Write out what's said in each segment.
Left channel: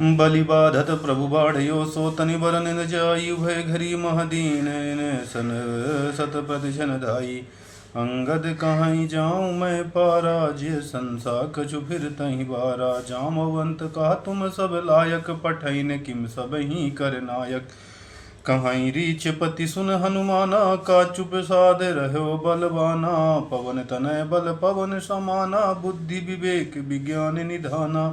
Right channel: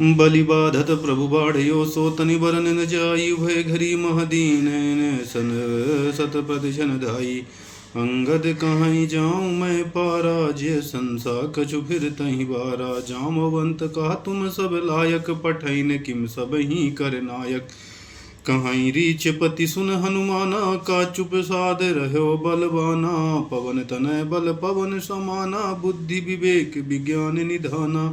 बलि बाधत प्रभु बाढ़यो सो तनि बरन न जाई भय घरी महदीन सन सत प्रतिशन धाई। अंगद कहाँ जाऊँ मैं पारा जे संसा कछु फिर तहि बारा। जामवंत कहा तुम सब लायक पठैन किम सब ही कर नायक। कहाँ रीछ पति सुन हनुमाना का चुप साध रहो बलवाना। पवन तनय बल पवन समाना बुद्धि विवेक विज्ञान निधाना।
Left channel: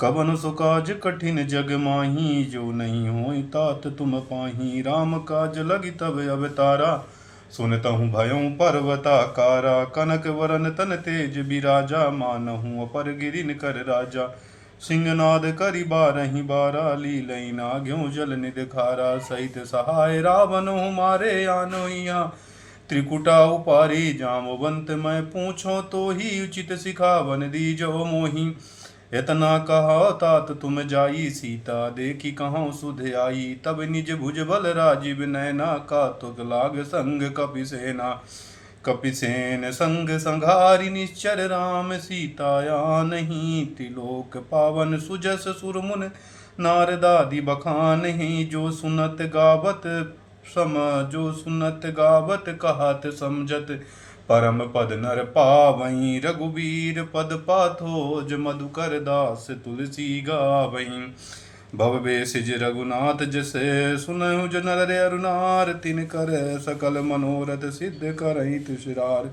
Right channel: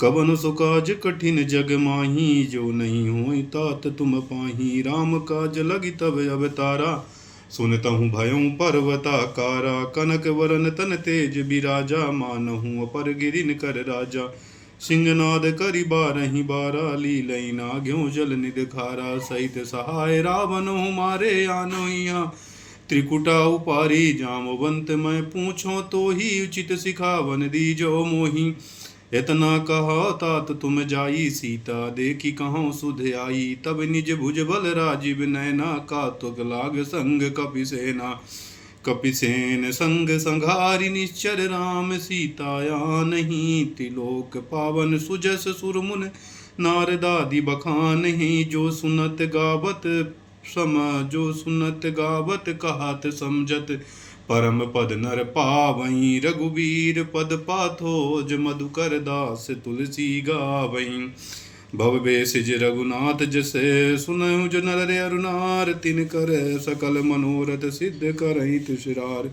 कवन सो काज कठिन जग माही जो नहीं होई तात तुम पाही। राम काज लगी तब अवतारा सुनतहु भयउ पर्वताकारा। कनक वरन तन तेज बिराजा मानहु अपर गिरिन कर राजा। सिंहनाद करि बारहि बारा लीलई नाग्यो जल निदखारा। सहित सहाय रावण मारे आनोइया त्रिकुटा उपारी। जामवंत मैं पूछो तो ही उचित सिखावन दीजो मोही। इतना कहा तात तुम जाई सीता देखी कहाँ सुध आई। तब निज भुज बल राजीव नैना का तुग लाग संग कपिसेना। कपिसेन संग संघारि निश्चर राम सीताया नहीं। त्रिलोक पावन सुजस सुरमुन नारदादि बखानहि। जो सुनत गावत कहत समझत परम पद नर पावहीं। रघुबीर पद पाथोज मधुकर दास तुलसी गावहीं। भव बेसिज रघुनाथ जसे सुनहु जो नर अरुनार। तिन कर सकल मनोरथ सिद्ध करहि तुषार।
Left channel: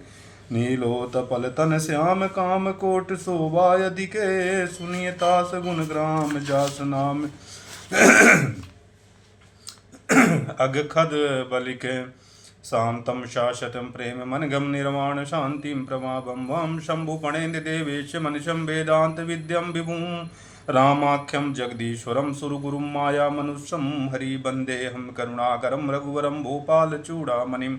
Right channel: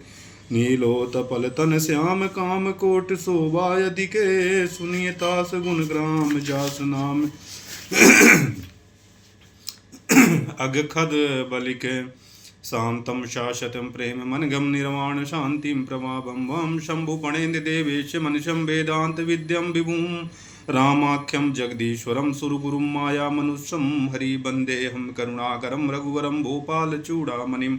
नीलो तपल तन श्याम काम कोट शोभा अधिके। सुनिय तास गुण ग्राम जास नाम अगखद बलिके। शांतं शाश्वतं प्रेम मनगम निर्वाण शांतिं प्रभावं वं शंभु पणेन्द्र देवेश मनिशं वेदांत विद्यं विभुं। रामाख्यं जगदीश्वरं सुरगुरुं माया मनुष्यं हरि वन्देऽहं करुणाकरं रघुवरं भूपाल चूड़ामणिं।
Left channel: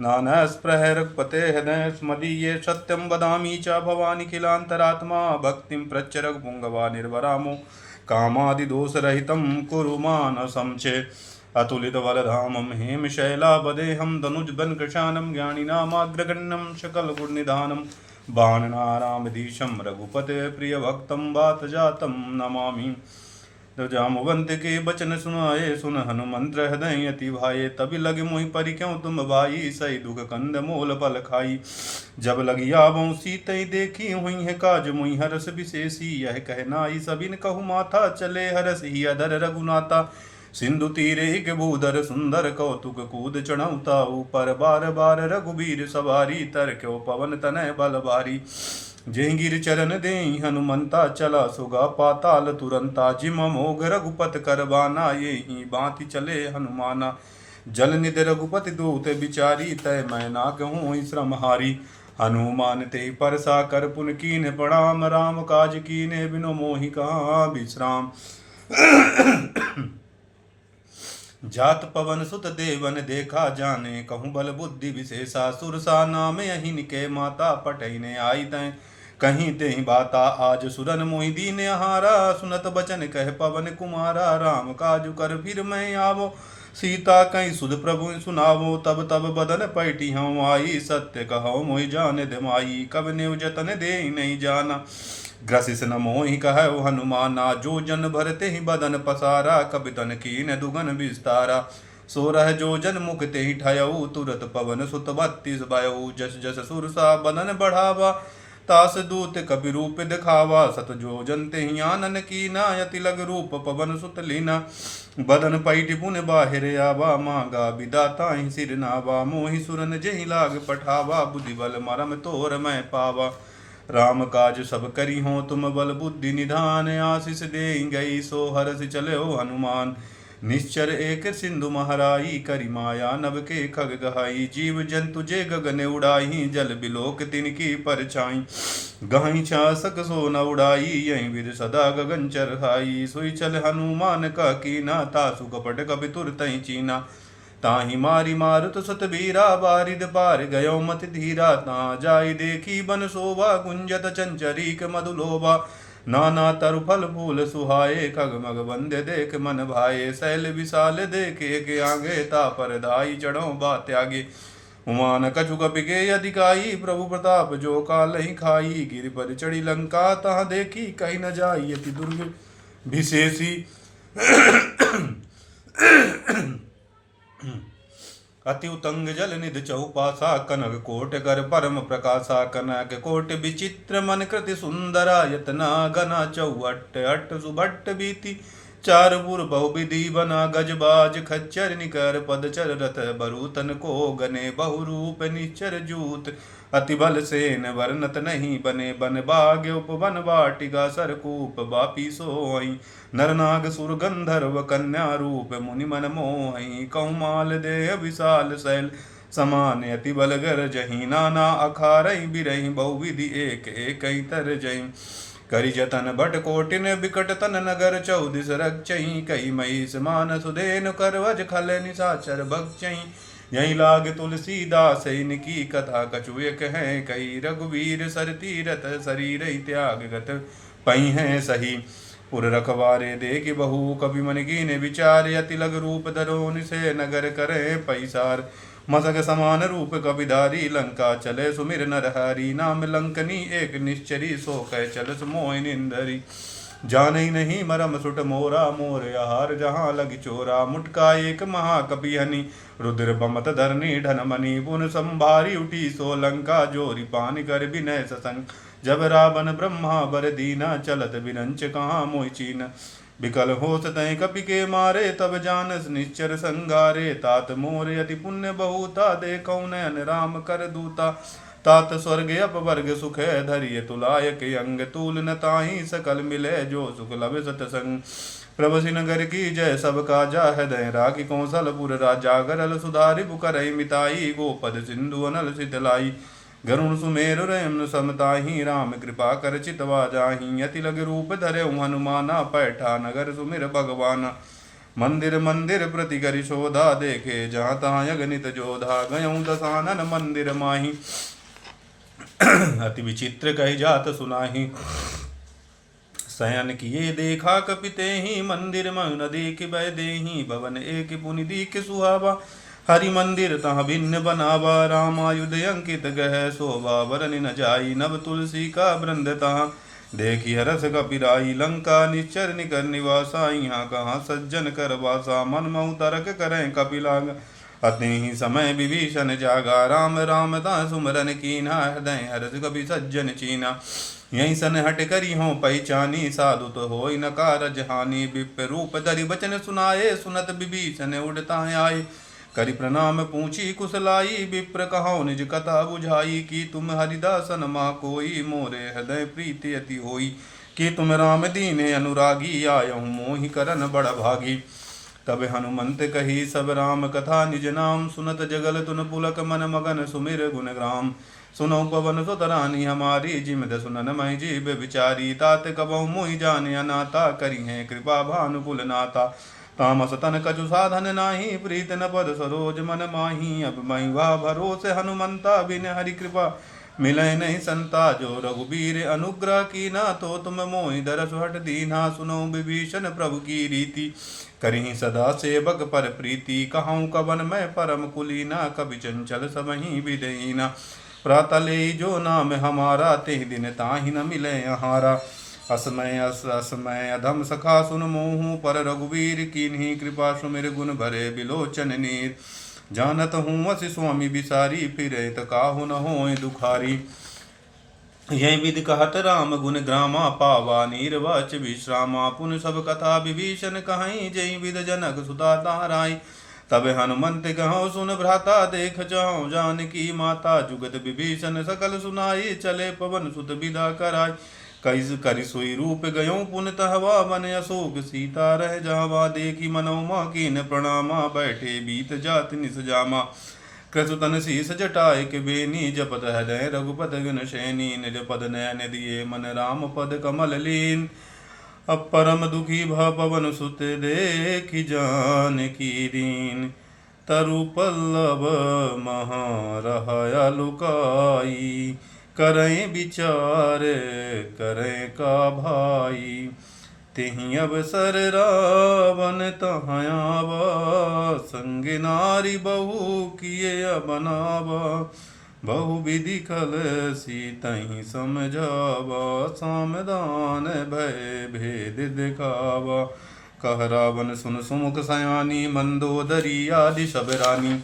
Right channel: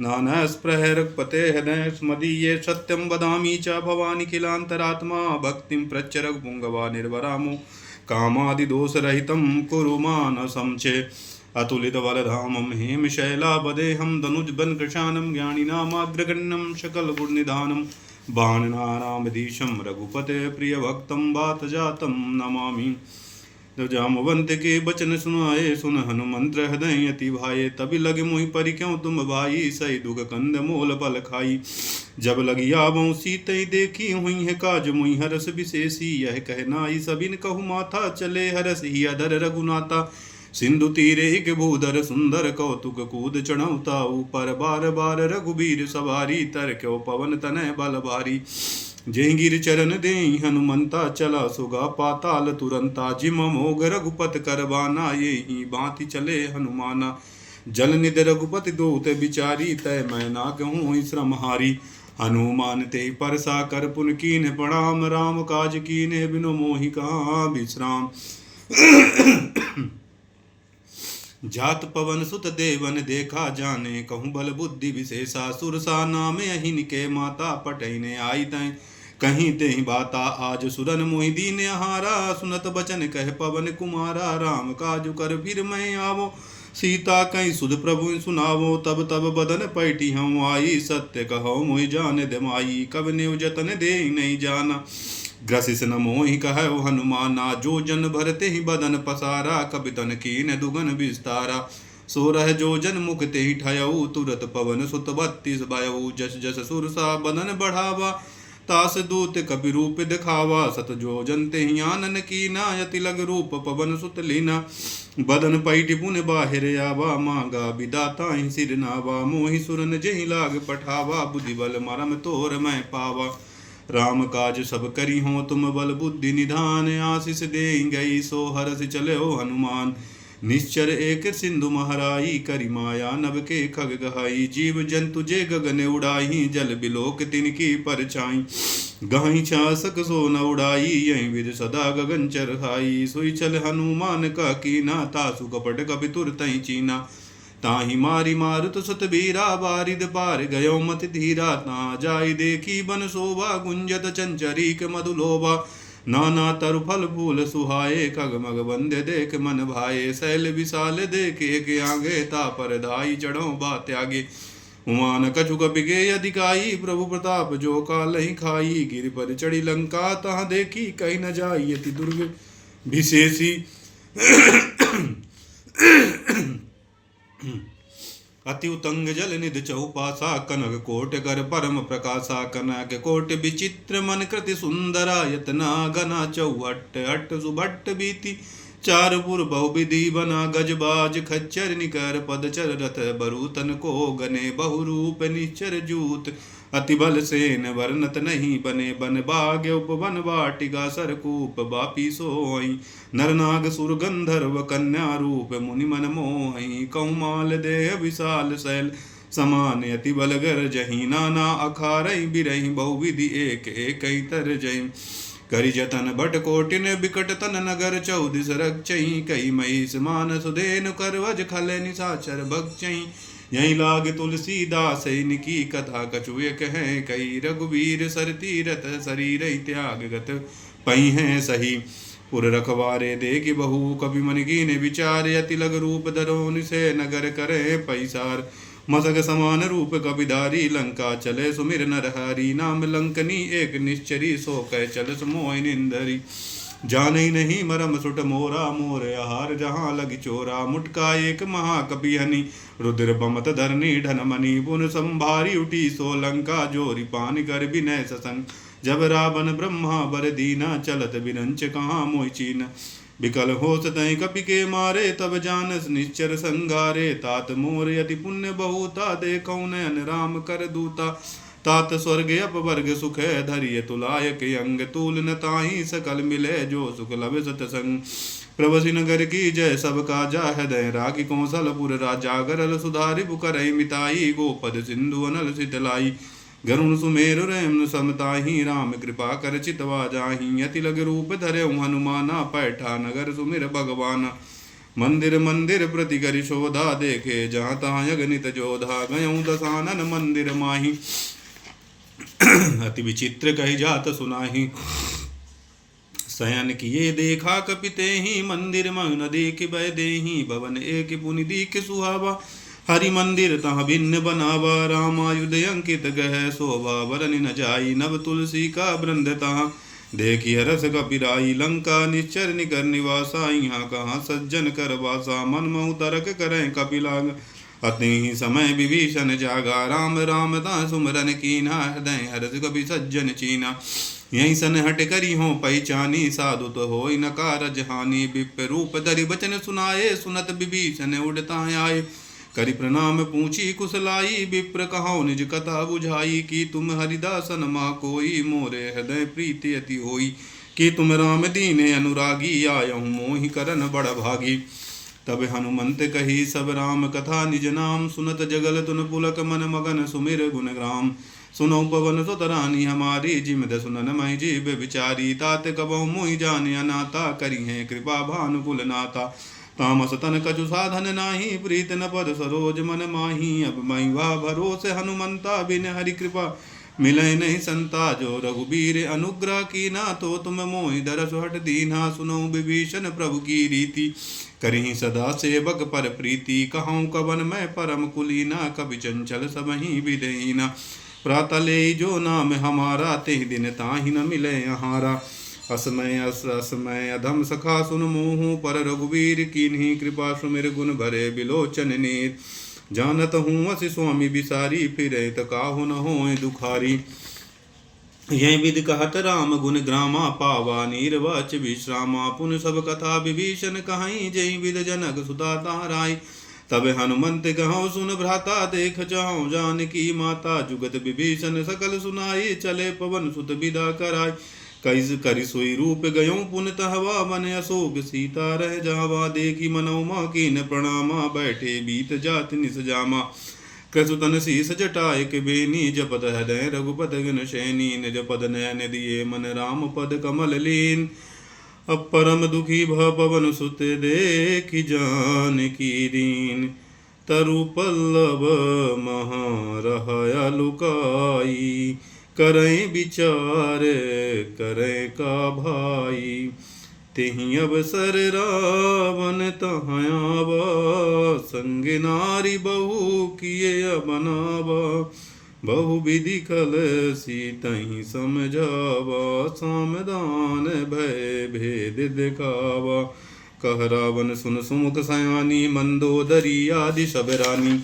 नानास्पृहरपते हृदय स्मदीये सत्यं वदामि च भवानिखिलान्तरात्मा। भक्तिं प्रच्छ रघुपुङ्गवा निर्वरामो कामादिदोषरहितं कुरु मानसं चे। अतुलित बलधामं हेमशैलापदेहं धनुजबनकृशानं ज्ञानिनामाग्रगण्यं सकलगुणनिधानं। बाणनारामधीशं रघुपते प्रियभक्तं वातजातं नमामि। जामवंत के बचन सुनाए सुन हनुमंत्र हृदय अति भाये। तभी लगे मोहि परि क्यों तुम भाई सही दुख कंद मोल फल खाई। जब लगी आवो सीतई देखी हुई है काज मुहि हरस विशेषी। यह कहनाई सबिन कहु माथा चले हरस ही अधर रघुनाथा। सिंधु तीरे एक भूधर सुंदर कौतुक कूद चढ़ौता ऊपर। बार बार रघुबीर सवारी तर क्यों पवन तनय बल भारी। जय गिर चरण दे हनुमंता चला सुगा पाताल तुरंता। जिम मोघ रघुपत करबाना ये ही बाति चले हनुमाना। जल निध रघुपति दूत बिचारी तय मैं ना कहूँ श्रम हारी। हनुमान ते परसा कर पुन कीन प्रणाम। राम काज कीने बिनु मोहि कहा विश्राम। जात पवन सुत देवन देखा जाने कहूँ बल बुद्धि विशेषा। सुरसा नाम यही के माता पटैने आई तय कहीं ते बाता। आज सुरन मोहि दीन हारा सुनत बचन कह पवन कुमारा। राम काजु कर फिर मैं आवो सीता कहीं सुध प्रभु सुनावो। तब तब बदन पैठी हूँ आई सत्य कहो मोहि जान दमाई। कब नेव जतन दे नहीं जाना ग्रसिस न मोहि कहो हनुमाना। जो जन भरते ही बदन पसारा कबि तन कीन दुगन विस्तारा। सोरह जो जन मुख ते ही ठयऊ तुरत पवन सुत 32 भयऊ। जस जस सुरसा बदन बढ़ावा तास दूत कपि रूप दिखावा। सत जो जन ते ही आनन कीना यति लग रूप पवन सुत लीना। बदन पैठ पुन बाहिर आवा मांगा विदाता ही सिर नावा। मोहि सुरन जहि लाग पठावा बुद्धि बल मरम तोर मैं पावा। राम काज सब करी हो तुम बल बुद्धि निधान। आशीष दे गई सो हरस चले हो हनुमान। निश्चर एक सिंधु महराई करी माया नभ के खग गहाई। जीव जंतु जे गगन उड़ाई जल बिलोक तिनकी परछाई। गहाई छासक सो न उड़ाई यही विद सदा गगन चरहाई। सोई चल हनुमान का कीना तासु कपट कपि तुरतहि चीना। ताहि मारी मारुत सतबीरा बारिद पार गयो मत धीरा। ता जाय देखी बन शोभा गुंजत चंचरीक मधुलोभा। नाना तरु फल फूल सुहाए खगमग बंदे देख मन भाए। शैल विशाल देखे के आगे तापर धाई चढ़ो बा त्यागे। उमान कछु कपिगे अधिकाई प्रभु प्रताप जो काल ही खाई। गिर पर चढ़ी लंका तहाँ देखी कहीं न जाई। यति दुर्ग विशेषी अति उतंग जल निध चौपासा कनक कोट कर परम प्रकाशा कनक कोट विचित्र मन कृति सुंदरा यतना गना चौहट हट सुभट्ट बीति चार पुर बहुविधि बना गजबाज खच्चर निकर पदचर रथ बरूतन को गने बहुरूप निचर जूत अति बल सेन वर्णत नहीं बने बन भाग्य उपवन वाटिका सरकूप बापी सोई नरनाग सुर गंधर्व कन्या रूप मुनि मन मोहि कौमाल देह विशाल शैल समान अति बल गर जही नाना अखारई बिरही बहुविधि एक एक तर जही करि जतन बट कोटिन बिकट तन नगर चौदिस रक्षई कई महिष मान सुदेन करवज खल निशाचर भक्षई यही लाग तुलसीदास इनकी कथा कछु एक है कई रघुवीर सर तीरथ शरीर त्याग गत पई है सही पुर रखवारे देख बहु कवि मन कीने विचार अति लग रूप धरो निसे नगर करे पैसार मसक समान रूप कपिधारी लंका चले सुमिर नरहरी नाम लंकनी एक निश्चरी सो कह चल मोह निंदरी जाने नहीं मरम सुट मोरा मोर आहार जहाँ लग चोरा मुटका एक महाकपि हनि रुद्र बमत धरनी ढन मणि पुन संभारी उठी सो लंका जोरी पान कर विनय ससंग जब रावण ब्रह्मा बर दीना चलत बिरंच कहाँ मोहि चीन विकल होस तय कपि के मारे तब जानस निश्चर संगारे तात मोर यति पुण्य बहुता देखौ नयन राम कर दूता तात स्वर्ग अपवर्ग सुख धरिय तुलायक अंग तूल न ताहि सकल मिले जो सुख लव सतसंग प्रभसि नगर की जय सब काजा हृदय राखी कौशलपुर राजा गरल सुधारि बुकरहि मिताई गोपद सिंधु अनल सितलाई गरुण सुमेरु रयम समताहि राम कृपा कर चितवा जाहि अति लग रूप धरे हनुमाना पैठा नगर सुमिर भगवान मंदिर मंदिर प्रति करि शोधा देखे जहाँ तहाँ अगणित जोधा गयऊँ दसानन मंदिर माही अति विचित्र कही जात सुनाही शयन किए देखा कपिते ही मंदिर मन देख भय देही भवन एक पुनि दीख सुहावा हरि मंदिर तहाँ भिन्न बनावा रामायुध अंकित गह शोभा वरन न जाई नव तुलसी का वृंद तहाँ देखी हरस कपिराई लंका निश्चर निकर निवासा यहाँ कहाँ सज्जन कर वासा मन महु तरक करें कपिलाग अति ही समय विभीषण जागा राम राम ता सुमरन कीना हृदय हरस कपि सज्जन चीना यही सन हट करी हो पहचानी साधु तो हो न कारज हानि विप रूप धरि बचन सुनाए सुनत विभीषण उड़ता आए करि प्रणाम पूछी कुशलाई विप्र कहो निज कथा बुझाई कि तुम हरिदासन मा कोई मोरे हृदय प्रीति अति होई कि तुम राम दीने अनुरागी आयहु मोहि करन बड़ भागी तब हनुमंत कही सब राम कथा निज नाम सुनत जगल तुन पुलक मन मगन सुमिर गुण ग्राम सुनो पवन सुतरानी हमारी जिमद सुनन मई जीव विचारी तात कबहु मोहि जान अनाता करी है कृपा भानुकुल नाता तामस तन कछु साधन नाही प्रीत न पद सरोज मन माही अब मई वा भरोसे हनुमंता बिन हरि कृपा मिले नहीं संता जो रघुबीर अनुग्रह की ना तो तुम मोहि दरस हट दीना सुनो विभीषण प्रभु की रीति करी सदा सेवक पर प्रीति कहूँ कवन मैं परम कुलीना कवि चंचल सबही विदयीना प्रातले जो नाम हमारा तेह दिन ताहि न मिले हारा असमय असमय अधम सखा सुन मोहू पर रघुवीर कीन्ही कृपा सुमिर गुण भरे बिलोचन नीर जानत हूँ असी स्वामी बिसारी फिरे तकाहु न होए दुखारी यह विधि कहत राम गुण ग्रामा पावा नीरवाच विश्रामा पुन सब कथा विभीषण कहाई जय विद जनक सुता ताराई तब हनुमंत कहो सुन भ्राता देख जाओ जानकी माता जुगत विभीषण सकल सुनाई चले पवन सुत विदा कराई कैस करि सोई रूप गयो पुन तहवा बन अशोक सीता रह जावा देखी मनोमा कीन प्रणामा बैठे बीत जात निस जामा क्रसुतन शीस जटाय के बेनी जपत हृदय रघुपत गण शैनी निज पद नयन दिए मन राम पद कमल लीन अब परम दुखी भ पवन सुत देखि जान की दीन तरु पल्लव महारहया लुकाई करें विचार करें का भाई तेहि अवसर रावण तहाँ संग नारी बहु किए बनावा बहु विधि खल सीतहि समझावा, सामदान भय भेद दिखावा। कह रावण सुन सुमुख सयानी, मंदोदरी आदि सब रानी।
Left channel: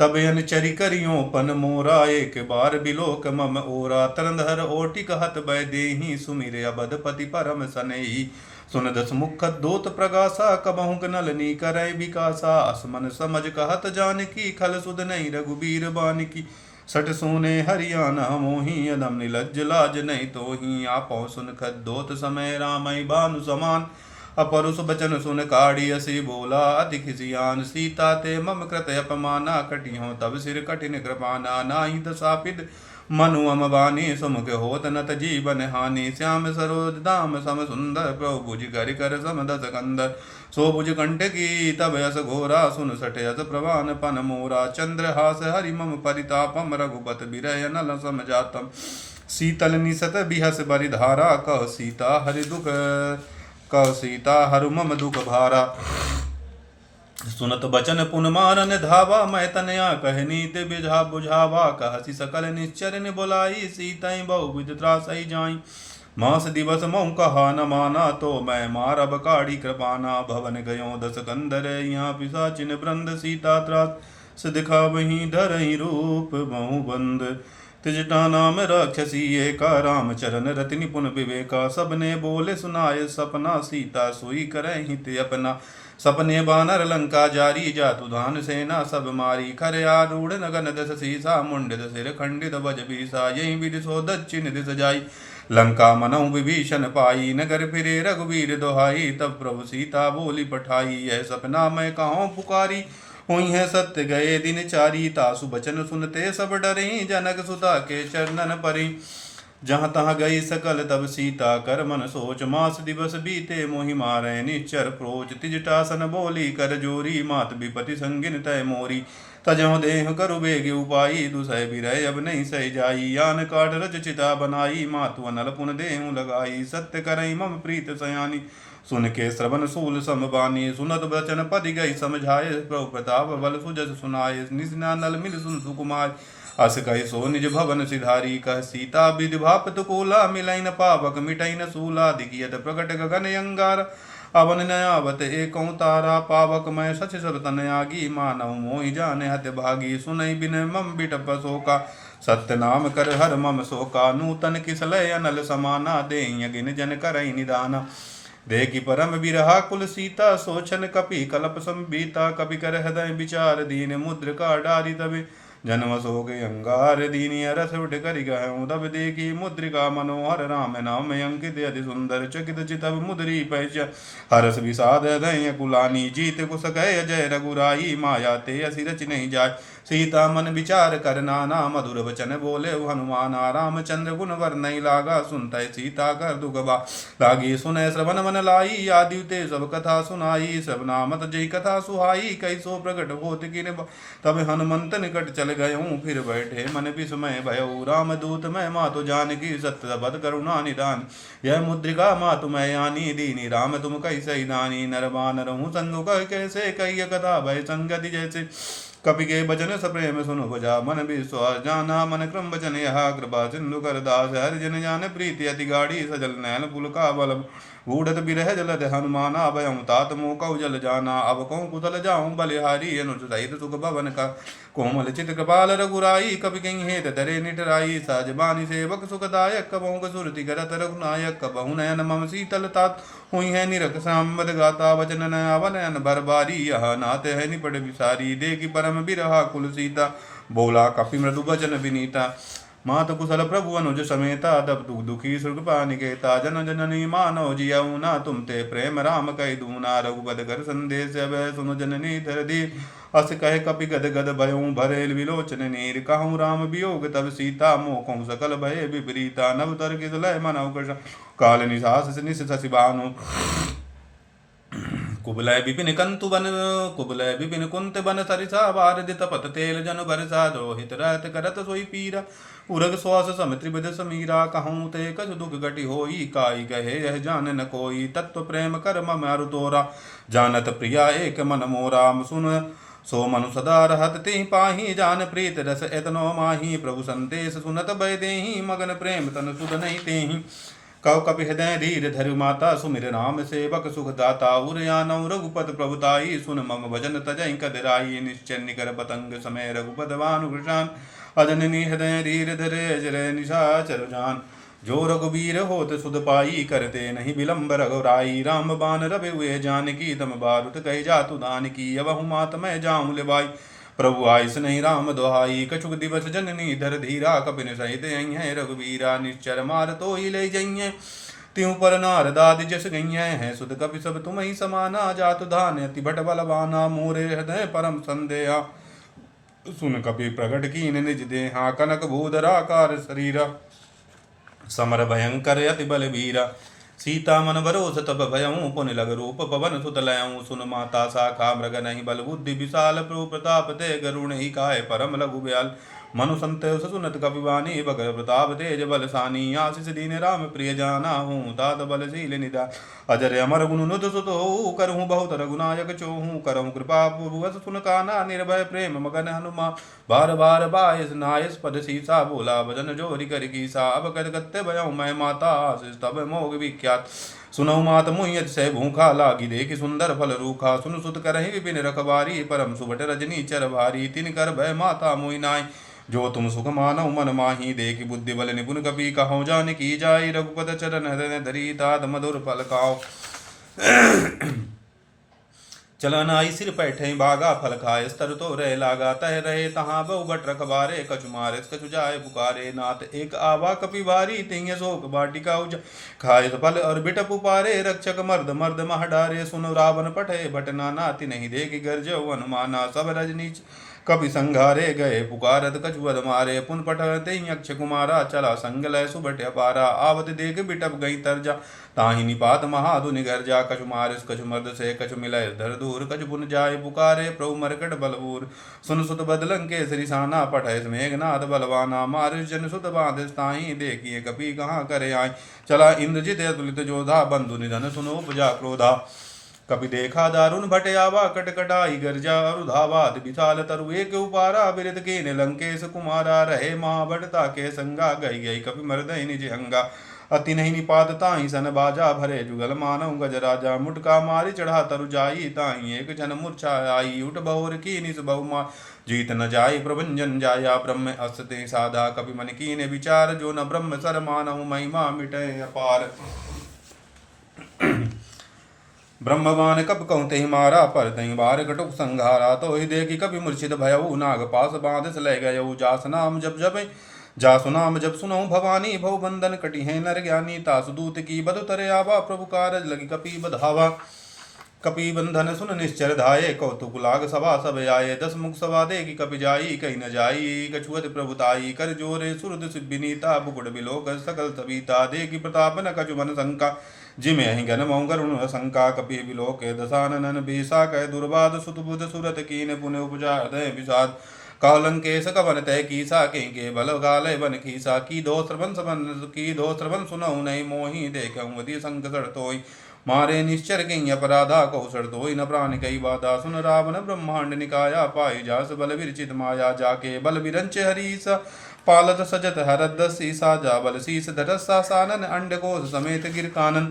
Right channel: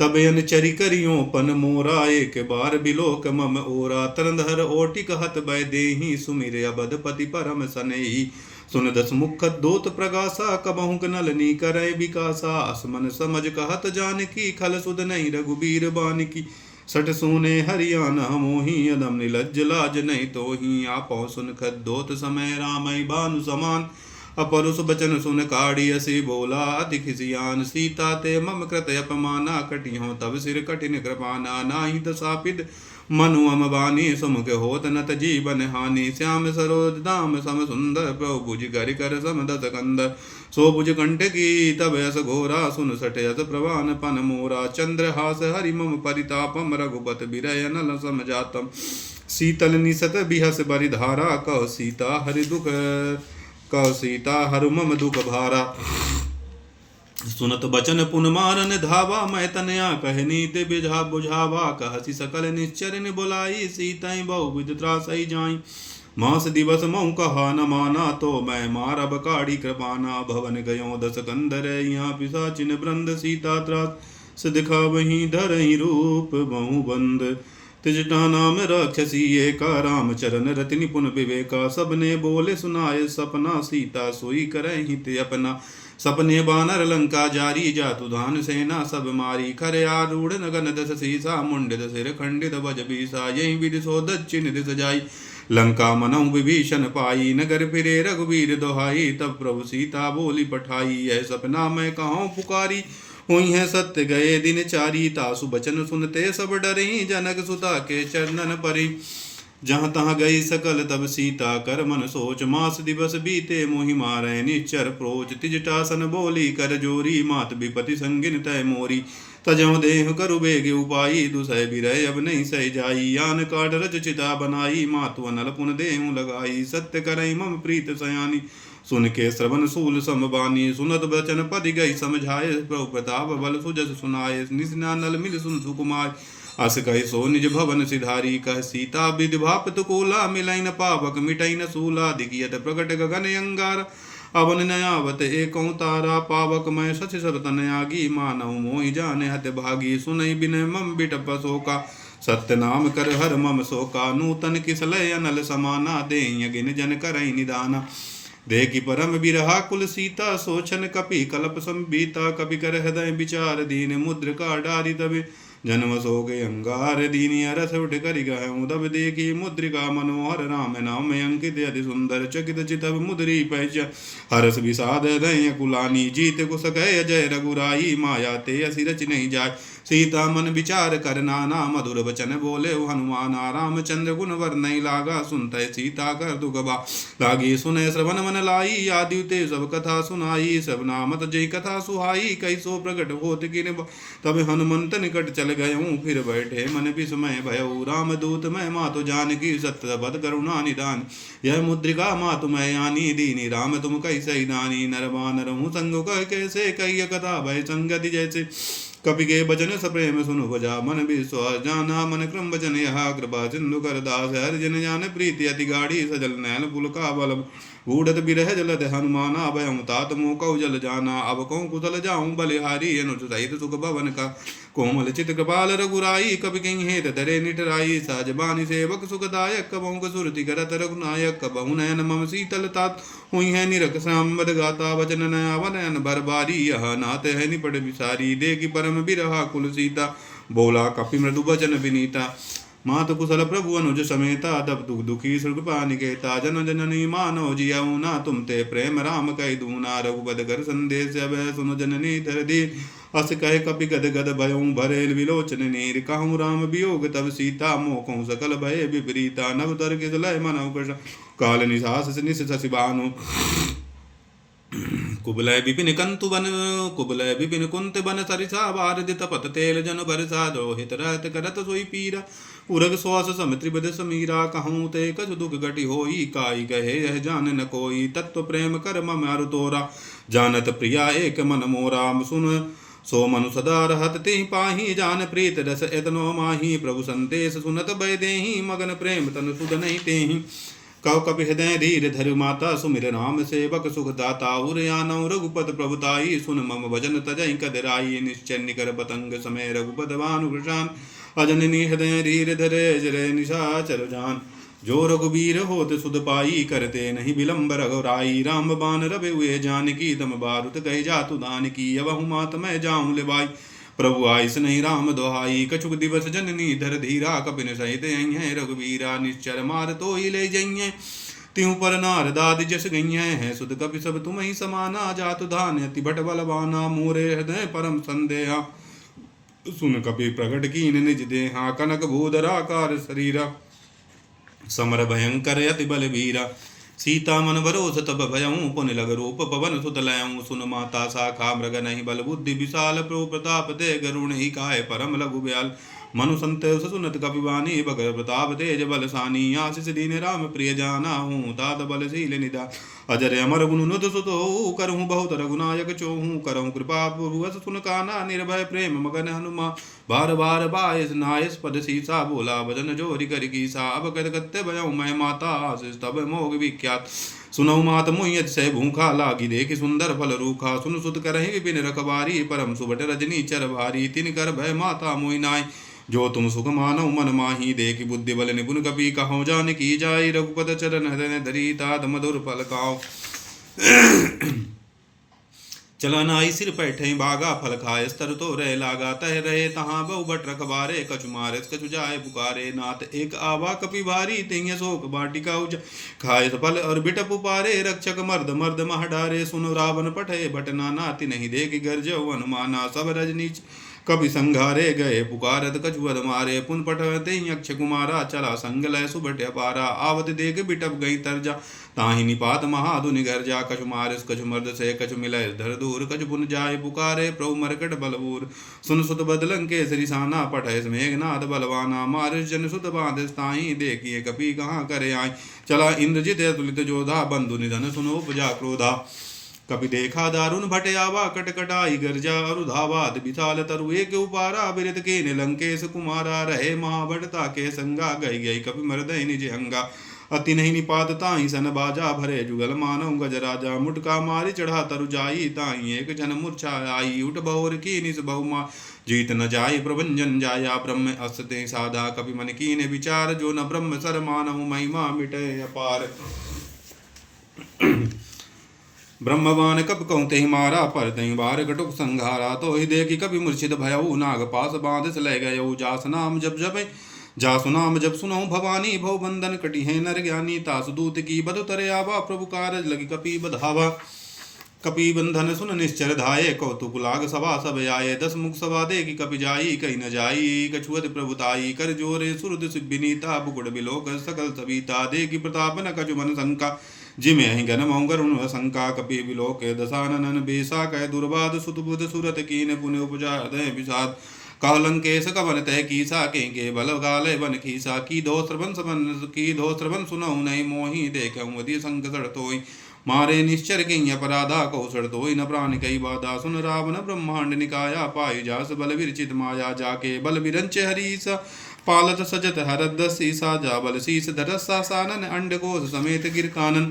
तब अनचरि करियो पन मोरा, एक बार बिलोक मम ओरा। तरंधर ओटि कहत भय देहि, सुमिर अबधपति परम सनेहि। सुन दस मुख दोत प्रगासा, कबहुक नलनी करय विकासा। असमन समझ कहत जानकी, खल सुध नहीं रघुबीर बानिकी। सट सोने हरियाणा मोही, अदम निलज्ज लाज नहीं तोही। आपो सुन खद्दोत समय, रामई भानु समान। अपरुष बचन सुन काढ़ी असी बोला, अति खिसियान सीता ते मम कृत अपमाना। कटियों तब सिर कठिन कृपाना, नाही दसापिद मनु अम बानी। सुमुख होत नत जीवन हानि, श्याम सरोज दाम सम सुंदर। प्रभु भुज कर कर सम दस कंदर, सो भुज कंटकी तब यस घोरा। सुन सट यस प्रवान पन मोरा, चंद्रहास हरि मम परितापम। रघुपत बिरय नल समझातम, शीतल निसत बिहस बरिधारा। कह सीता हरि दुख, कह सीता हरु मम दुख भारा। सुनत बचन पुन मारन धावा, मैं तनया कह नीत बिझा बुझावा। कहसी सकल निश्चर बुलाई, सीतई बहु विध त्रासई जाई। मास दिवस मोह कहा न माना, तो मैं मारब काढ़ी कृपाना। भवन गयो दस कंदर, यहाँ पिशाचिन वृंद। सीता त्रास दिखा वहीं धरई रूप बहु बंद। तिजटा नाम राक्षसी एका, राम चरण रति निपुण विवेका। सबने बोले सुनाय सपना, सीता सोई करहि हित अपना। सपने बानर लंका जारी, जातु धान सेना सब मारी। खरे आरूढ़ नगन दस सीसा, मुंडित सिर खंडित भज बीसा। यही विधि सो दक्षिण दिस जाई, लंका मनहु विभीषण पाई। नगर फिरे रघुवीर दोहाई, तब प्रभु सीता बोली पठाई। यह सपना मैं कहाँ पुकारी, हुई है सत्य गए दिन चारी। तासु बचन सुनते सब डरी, जनक सुता के चरणन परी। जहाँ तहाँ गई सकल तब सीता, कर मन सोच। मास दिवस बीते मोहि मारै निश्चर प्रोच। तिजटासन बोली कर जोरी, मात विपति संगिन तय मोरी। तजो देह करु बेग उपाई, दुसह बिरह अब नहीं सह जाई। आन काट रच चिता बनाई, मातु अनल पुन देहु लगाई। सत्य करई मम प्रीत सयानी, सुन के श्रवण सूल समबानी। सुनत बचन पदि गई समझाए, प्रभु प्रताप बल सुजस सुनाए। निस्ना नल मिल सुन सुकुमार, अस कहि सो निज भवन सिधारी। कह सीता विधि भापत कोला, मिलई न पावक मिटई न सूला। दिगियत प्रकट गगन अंगार, अवन नयावत एकौ तारा। पावक मैं सच सुर तनयागी, मानव मोहि जाने हत भागी। सुनई बिन मम बिटप शोका, सत्य नाम कर हर मम शोका। नूतन किसलय अनल समाना, देहि अगिन जन करई निदाना। देखी परम बिरहा कुल सीता, सोचन कपि कलप संबीता। कपि कर हृदय विचार दीन, मुद्र का डारी तबे जन्म सो गए अंगार। दीनी रस उठ करि गहूँ, तब देखी मुद्रिका मनोहर। राम नाम अंकित अति सुंदर, चकित चितव मुद्री पहचान। हरस विषाद हृदय कुलानी, जीत कुस कह जय रघुराई। माया ते असि रच नहीं जाय, सीता मन विचार कर नाना। मधुर वचन बोले हनुमाना, रामचंद्र गुण वर्णई लागा। सुनते सीता कर दुख बा लागी, सुने श्रवण मन लाई। आदि ते सब कथा सुनाई, सब नामत जय कथा सुहाई। कैसो प्रकट होत किन, तब हनुमंत निकट चल गयूँ। फिर बैठे मन विस्मय भयऊ, राम दूत मैं मातु जानकी। सत्य बद करुणा निदान, यह मुद्रिका मातु मैं यानी। दीनी राम तुम कैसे दानी, नर बानर हूँ संग कह कैसे। कही कथा भय संगति जैसे, कपि के बचन सप्रेम सुनु बजा। मन विश्वास जाना, मन क्रम बचन यहा। कृपा सिंधु कर दास, हर जन जान प्रीति अति गाढ़ी। सजल नैन पुल का बल, बूढ़त बिरह जलद हनुमाना। भयं तात मोह कौ जल जाना, अब कहूँ कुशल जाऊँ बलिहारी। अनुज सहित सुख भवन का, कोमल चित कृपाल रघुराई। कपि कहीं हेत धरे निठराई, साजबानी सेवक सुखदायक। कबहु सुरति करत रघुनायक, कबहु नयन मम शीतल तात। हुई है निरख सांबद गाता, वचन नयावन नयन भरबारी। यह नाथ है निपट विसारी, देखी परम बिरहा कुल सीता। बोला कपि मृदु वचन विनीता, मातु कुशल प्रभु अनुज समेता। तब दुख दुखी सुरपा निकेता, जन जननी मानो जियऊ ना। तुम ते प्रेम राम कह दूना, रघुपद कर संदेश अभय सुनु जननी धर दी। अस कह कपि गद गद भयऊ, भरेल विलोचन नीर। कहूँ राम वियोग तब सीता, मोह सकल भय विपरीता। नव तर किस लय मनऊ कृष्ण, काल निशास निश शशि भानु। कुबलय विपिन कंतु बन, कुबलय विपिन कुंत बन सरिसा। बारद तपत तेल जन बरसा, द्रोहित रहत करत सोई पीरा। उरग श्वास सम त्रिविध समीरा, कहूँ ते कछु दुख घटी होई। काई कहे यह जान न कोई, तत्व प्रेम कर मम अरु तोरा। जानत प्रिया एक मन मोरा, सुन सो मनु सदा रहत तेहि पाहि जान प्रीत रस एतनो माहि प्रभु संदेश सुनत भय देहि मगन प्रेम तन सुध नहीं तेहि कव कपि हृदय धीर धरु माता सुमिर राम सेवक सुख दाता उरयानौ रघुपत प्रभुताई सुन मम भजन तजहि कदराई निश्चय निकर पतंग समय रघुपत भानुकृशान अजननी हृदय धीर धरे जरे निशाचर जान जो रघुबीर होत सुध पाई करते नहीं विलंब रघुराई राम बान रवि हुए जानकी तम बारुत कही जातु दान की अवहु मात मैं जामुल बाई प्रभु आइस नहीं राम दुहाई कछुक दिवस जननी धर धीरा कपिन सहित हैं रघुवीरा निश्चर मार तो ही ले जइए त्यों पर नारदादि जस गई हैं सुध कपि सब तुम ही समाना जातु धान अति भट बलवाना मोरे हृदय परम संदेहा सुन कपि प्रगट कीन निज देहा कनक भूधराकार शरीरा समर भयंकर अति बलवीरा सीता मन भरोस तब भयऊँ पुन लग रूप पवन सुत लयऊँ सुन माता शाखा मृग नहीं बल बुद्धि विशाल प्रो प्रताप ते गरुण ही काय परम लघु ब्याल मनु संतोष सुनत कपिवानी बगर प्रताप तेज बल सानी आशीष दीन राम प्रिय जाना हूँ तात बलशील निदा अजर अमर गुण नुत सुत हो करहूँ बहुत रघुनायक चोहूँ करहूँ कृपा भुवस सुन काना निर्भय प्रेम मगन हनुमा बार बार बायस नायस पद सीसा बोला भजन जोरि कर कीसा अब कर कत्ते भयऊ मैं माता आशीष तब मोग विख्यात सुनऊ मात मुहियत से भूखा लागी देखि सुंदर फल रूखा सुन सुत करहि विपिन रखबारी परम सुबट रजनी चर भारी तिन कर भय माता मोहि नाई जो तुम सुख मानो मन माही देखि बुद्धि बल निपुण कपि कहो जान की जाय रघुपत चरण हृदय धरी तात मधुर फल खाओ चलन आई सिर पैठे बागा फल खाए स्तर तो रह लागा तह रहे तहाँ बहु भट रखबारे कछु मारे कछु जाए पुकारे नाथ एक आवा कपि भारी तिय शोक बाटिका उज खाए फल और बिटप उपारे रक्षक मर्द मर्द मह डारे सुन रावण पठे भटना नाति नहीं देख गर्ज अनुमाना सब रजनी कपि संघारे गए पुकारत कछुअद मारे पुन पठते अक्ष कुमारा चला संग लय सुबट अपारा आवत देख बिटप गई तरजा ताहि निपात महाधुनि घर जा कछु मारिस कछु मर्द से कछु मिलय धर दूर कछु पुन जाय पुकारे प्रभु मरकट बलबूर सुन सुत बदलं केसरी साना पठय मेघनाथ बलवाना मारिस जन सुत बांध ताहि देखिए कपि कहाँ करे आय चला इंद्रजित तुलित जोधा बंधु निधन सुनो उपजा क्रोधा कपि देखा दारुण भटयावा कटकटाई गर्जा अरुधावाद विशाल तरु एक उपारा बिरत के लंकेश कुमारा रहे महाभटता के संगा गई गई कपि मर्दय निज अंगा अति नहीं निपात ताहि सन बाजा भरे जुगल मानव गज राजा मुटका मारी चढ़ा तरु जाई ताहि एक जन मूर्छा आई उठ बहुर की निस बहुमा जीत न जाय प्रभंजन जाया ब्रह्म अस्ते साधा कपि मन कीन विचार जो न ब्रह्म सर मानव महिमा मिटे अपार ब्रह्मवान कब कहते मारा पर तई बार कटुक संघारा तो ही देखी कभी मूर्छित भयऊ नाग पास बांध ले गयऊ जास नाम जब जब जासु नाम जब सुनो भवानी भव बंधन कटी है नर ज्ञानी तासु दूत की बधु तरे आवा प्रभु कारज लगी कपि बधावा कपि बंधन सुन निश्चर धाये कौतुक लाग सभा सब आये 10 मुख सभा देगी कपि जाई कहीं न जाई कछुअत प्रभुताई कर जोरे सुरद विनीता बुकुड़ बिलोक सकल सविता देगी प्रताप न कछु मन शंका जिमे अहि घन मौगरुण शंका कपि बिलोके दशानन बेसा कह दुर्बाद सुत बुध सुरत कीन पुन उपजा हृदय विषाद कालंकेश कवन तय कीसा के बल गालय बन खीसा की दो श्रवण सुनऊ नहीं मोहि देखऊँ अति संकट तोय मारे निश्चर कहीं अपराधा कौशल तो न प्राण कई बाधा सुन रावण ब्रह्मांड निकाया पाई जास बल विरचित माया जाके बल विरंच हरीसा पालत सजत हरद सीसा जा बल शीस धरसा सानन अंड कोश समेत गिर कानन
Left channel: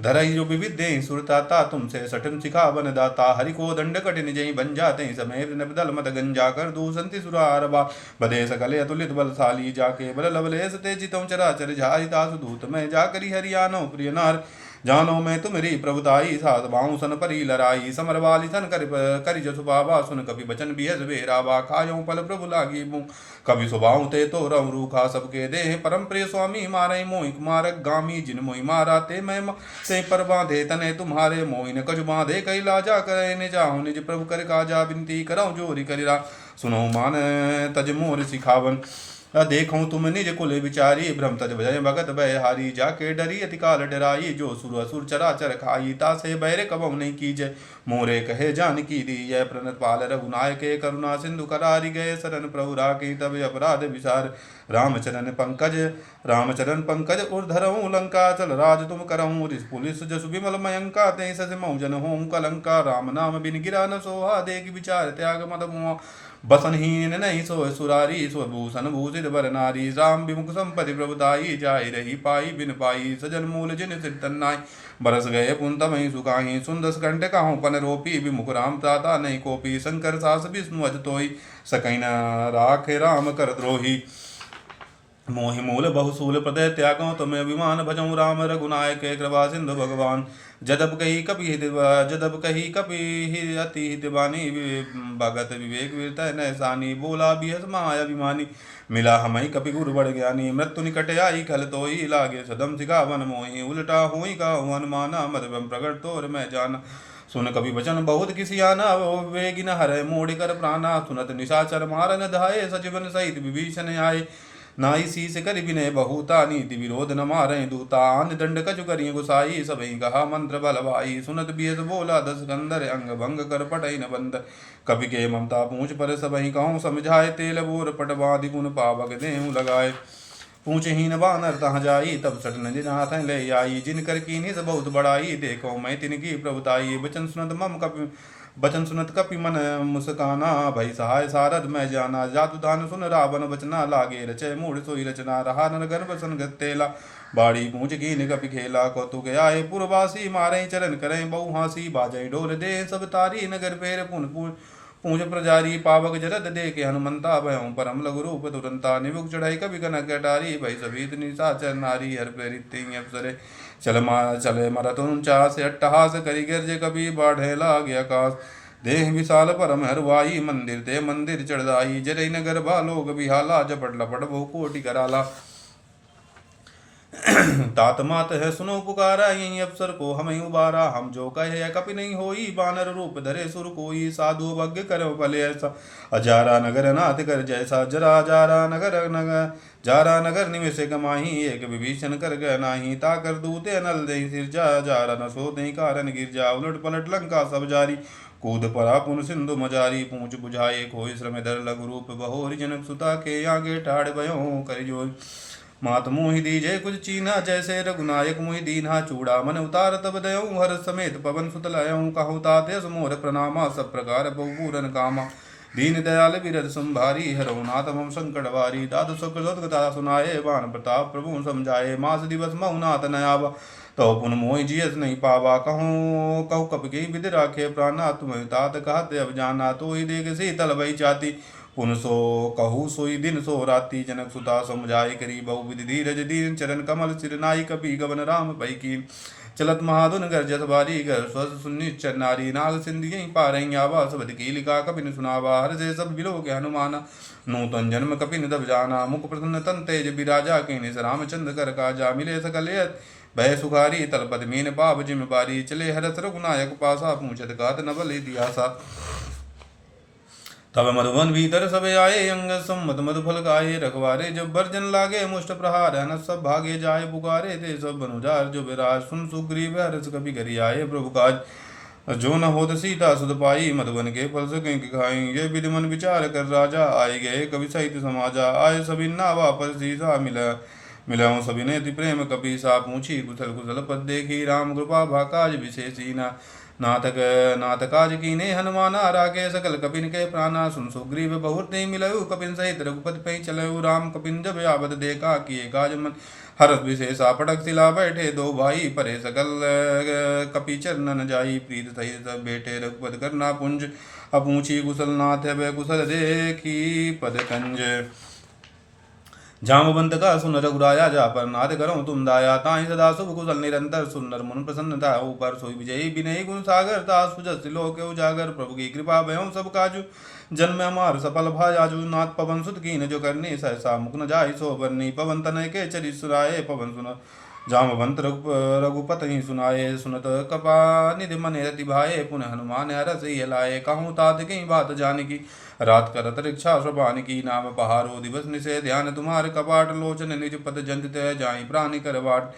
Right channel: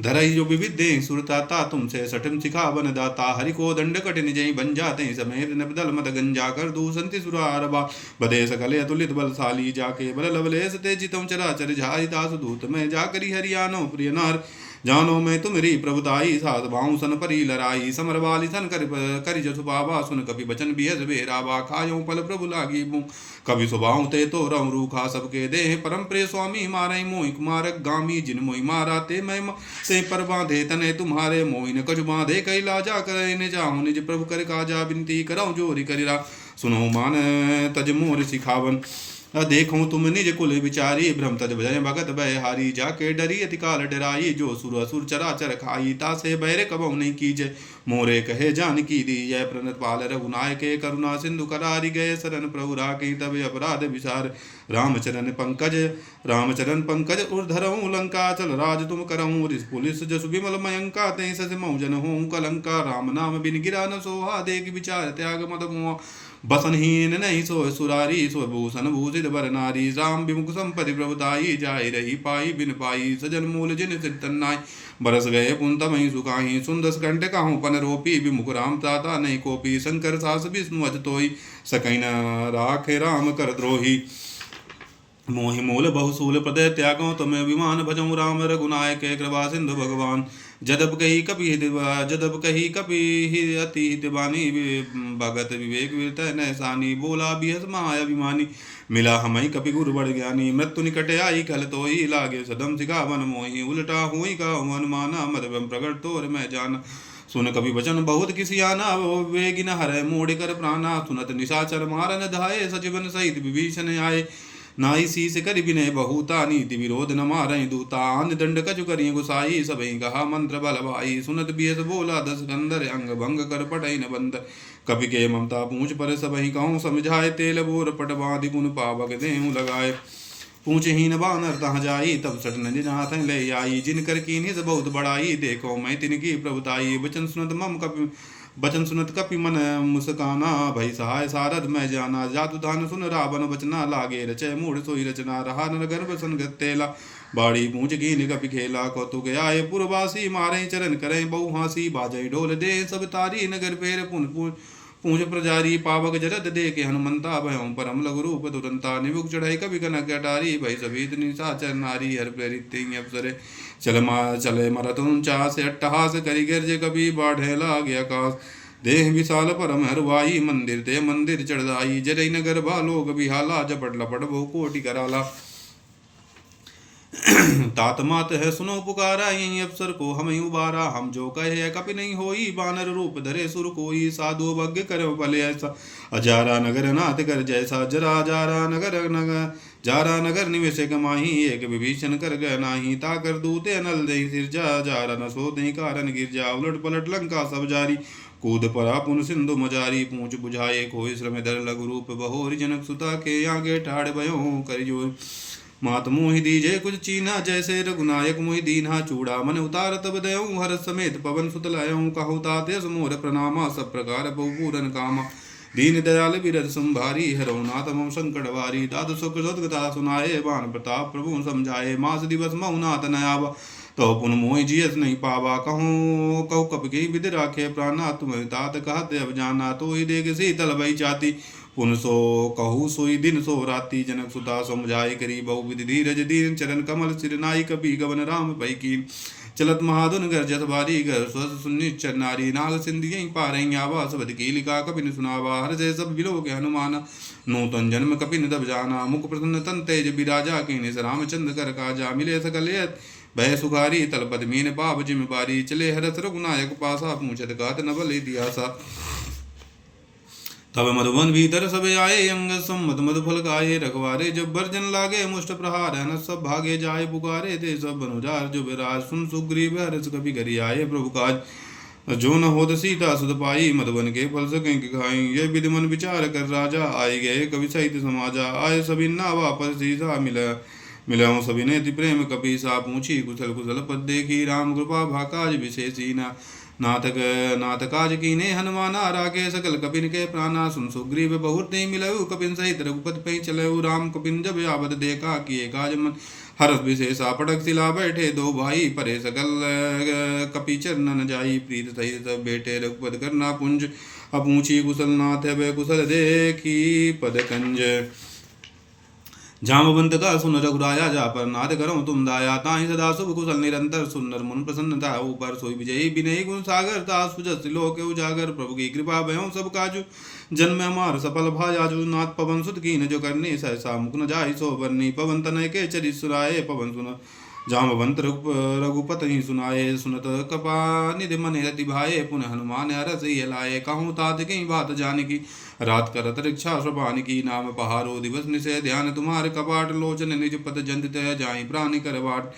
धरई जो विविधे सुरताता तुमसे सठम सिखा वन दाता हरि को दंड कठिन जय बन जाते समेत नबदल मद गंजा कर दूसंति सुरारबा बदे सकले अतुलित बलशाली जाके बल लवलेस ते जितम चराचर झारि तासु दूत में जाकरी हरियानो प्रिय नार जानो मैं तुमरी प्रभुताई साध बाऊ सन परी लराई समर वाली सन करि जसु बाबा सुन कपि बचन बिहस बेराबा खायो पल प्रभु लागी मुँह कभी सुबाऊ ते तो रम रूखा सबके दे परम प्रिय स्वामी मारे मोहि कुमारक गामी जिन मोहि मारा ते मैं से पर बांधे तने तुम्हारे मोहि न कछु बांधे कई लाजा करे ने जाहु निज प्रभु कर काजा बिनती करऊँ जोरी करिरा सुनो मान तज मोर सिखावन देखूं तुम निज कुल विचारी भ्रम तज भय भगत भय हारी जाके डरी अति काल डराई जो सुर असुर चराचर खाई तासे बैरे कबऊ नहीं कीजय मोरे कहे जान की दी जय प्रणत पाल रघुनायके करुणा सिंधु करारी गए शरण प्रभु राखी तब अपराध विसार रामचरण पंकज उर्धरऊँ लंका चल राज तुम करऊँ रिस पुलिस जस विमल मयंका ते सस मौजन हों कलंका राम नाम बिन गिरा न सोहा देख विचार त्याग मद मोह बसनहीन नहीं सोय सुरारी सोय भूषण भूषित बर नारी राम विमुख संपत्ति प्रभुताई जाय रही पाई बिन पाई सजन मूल जिन सिर तन्नाई बरस गए पुंतमही सुखाही सुंदस कंठ काहू पन रोपी विमुख राम त्राता नहीं कोपी शंकर सास विष्णु अज तोई सकई न राखे राम कर द्रोही मोहि मूल बहुसूल प्रदय त्यागो तुम्हें अभिमान भजऊँ राम रघुनायक कृपा सिंधु भगवान जदप कही कपि अति हितवानी भगत विवेक विरतय नैसानी बोला बिहस महाअभिमानी मिला हमई कपि गुरु बड़ ज्ञानी मृत्यु निकट आई कल तोई लागे सदम सिखावन मोहि उल्टा हुई का हनुमाना मद प्रगट तोर मैं जाना सुन कवि वचन बहुत किसी आना वेगिन हर मोड़ कर प्राणा सुनत निशाचर मारन धाये सजीवन सहित विभीषण आए नाई शीस कर विनय बहुता नीति विरोध न मारय दूतान दंड कछु करिय गुसाई सबई कहा मंत्र बल भाई सुनत बियस बोला दस कंदर अंग भंग कर पटई न बंदर कवि के ममता पूछ पर सबही कहूँ समझाए तेल बोर पट बाधि गुण पावक देहूँ लगाए पूछहीन बानर तहाँ जाई तब सट नज हाथ ले आई जिन कर कीन्ही बहुत बड़ाई देखो मैं तिनकी प्रभुताई बचन सुनत कपि मन मुस्काना भई सहाय सारद मैं जाना जातु दान सुन रावण बचना लागे रचय मूढ़ सोई रचना रहा नर गर्भ संगत तेला बाड़ी पूछ कीन कपि खेला कौतुक आए पुरवासी मारे चरण करें बहु हासी बाजय ढोल दे सब तारी नगर फेर पुन पूछ प्रजारी पावक जरद दे के हनुमंता भयों परम लघु रूप तुरंता निबुक चढ़ाई कभी कनक अटारी भई सभीत निशाचर नारी हर प्रेरित अप्सरे चले मरत 49 अट्टहास करी गिरजे कभी बाढ़े लागे आकाश देह विशाल परम हरवाई मंदिर ते मंदिर चढ़ाई जरई नगर भालोक बिहाला जपट लपट बहु कोटि कराला तात मात है सुनो पुकारा यही अवसर को हम उबारा हम जो कहे कपि नहीं होई बानर रूप धरे सुर कोई साधु भग्य करो भले ऐसा अजारा नगर नाथ कर जैसा जरा जारा नगर निवेश कमाही एक विभीषण कर गए नाही ताकर दूते नल दे सिर जारा न सो दही कारण गिर जा उलट पलट लंका सब जारी कूद पड़ा पुन सिंधु मजारी पूछ बुझाए खोई श्रम धर लघु रूप बहोरी जनक सुता के आगे ठाड़ भयो कर जोर मात मोहि दीजे कुछ चीना जैसे रघुनायक मोहि दीन्हा चूड़ा मन उतार तब दयऊँ हर समेत पवन सुत लयऊँ कहु ताते मोर प्रणामा सब प्रकार बहुपूरन कामा दीन दयाल बिरद संभारी हरो नाथ मम संकट वारी दादु सुख सदगता सुनाए बाण प्रताप प्रभु समझाए मास दिवस महु नाथ नयावा तो पुन मोहि जियस नहीं पावा कहूँ कहु कप की विधि राखे प्राणा तुम तात कहते अब जाना तो ही देख शीतल भई चाती पुन सो कहू सोई दिन सो राती जनक सुता समझाई करी बहु विधि धीरज दीन चरण कमल सिर नाई कपि गवन राम भई कीन चलत महाधुन गर्जत बारी घर स्वस्थ सुनिश्चर नारी नाग सिंधियं पारहीं आवा सबद कीलिका कपिन सुनावा हर से सब बिलो के हनुमान नूतन जन्म कपिन दब जाना मुख प्रसन्न तन तेज बिराजा के निस रामचंद्र कर काजा मिले सकल भय सुखारी तलपत मीन पाप जिम बारी चले हरस रघुनायक पासा पूछत गात नबल दियासा तब मधुवन भीतर सब आए अंग सम्मत मधुफल गाये रखवारे जब बर्जन लागे मुष्ट प्रहार अनस सब भागे जाए पुकारे थे सब बनुजार जो विराज सुन सुग्रीव हरस कभी घरी आए प्रभु काज जो न होत सीता सुध पाई मधुबन के फल सकें खाई ये विधि मन विचार कर राजा आए गए कवि सहित समाजा आए सभी ना वापस सीसा मिला सभी ने प्रेम कपि सा पूछी कुशल कुशल पद देखी राम कृपा भाकाज विशेषी नाथ काज कीने हनुमाना रागे सकल कपिन के प्राणा सुन सुग्रीव बहुत नहीं मिलऊ कपिन सहित रघुपति पे चलऊ राम कपिन जब आबद देखा किए काज मन हरस विशेषा पटक सिला बैठे दो भाई परे सकल कपि चरणन जाई प्रीत सहित सब बेटे रघुपति करना पुंज अपूछी कुशल नाथ वे कुशल देखी पद कंज जामवंत का सुन रघुराया जा पर नाथ करो तुम दाया ताहि सदा शुभ कुशल निरंतर सुनर मुन प्रसन्नता ऊपर सोई विजयी विनयी गुण सागर तास सुजस लोक उजागर प्रभु की कृपा भयों सब काजु जन्म हमार सफल भायाजु नाथ पवन सुत कीन जो करनी सहसा मुख न जाहि सो बरनी पवन तनय के चरि सुराए पवन सुन जामवंत रघुपत ही सुनाए सुनत कपा निधि मन रति भाए पुनः हनुमान हरस लाए कहूँ तात कहीं बात जान की रात करत रिक्षा श्रवान की नाम पहारो दिवस निशे ध्यान तुम्हारे कपाट लोचन निज पद जंत जाई प्राणी करवाट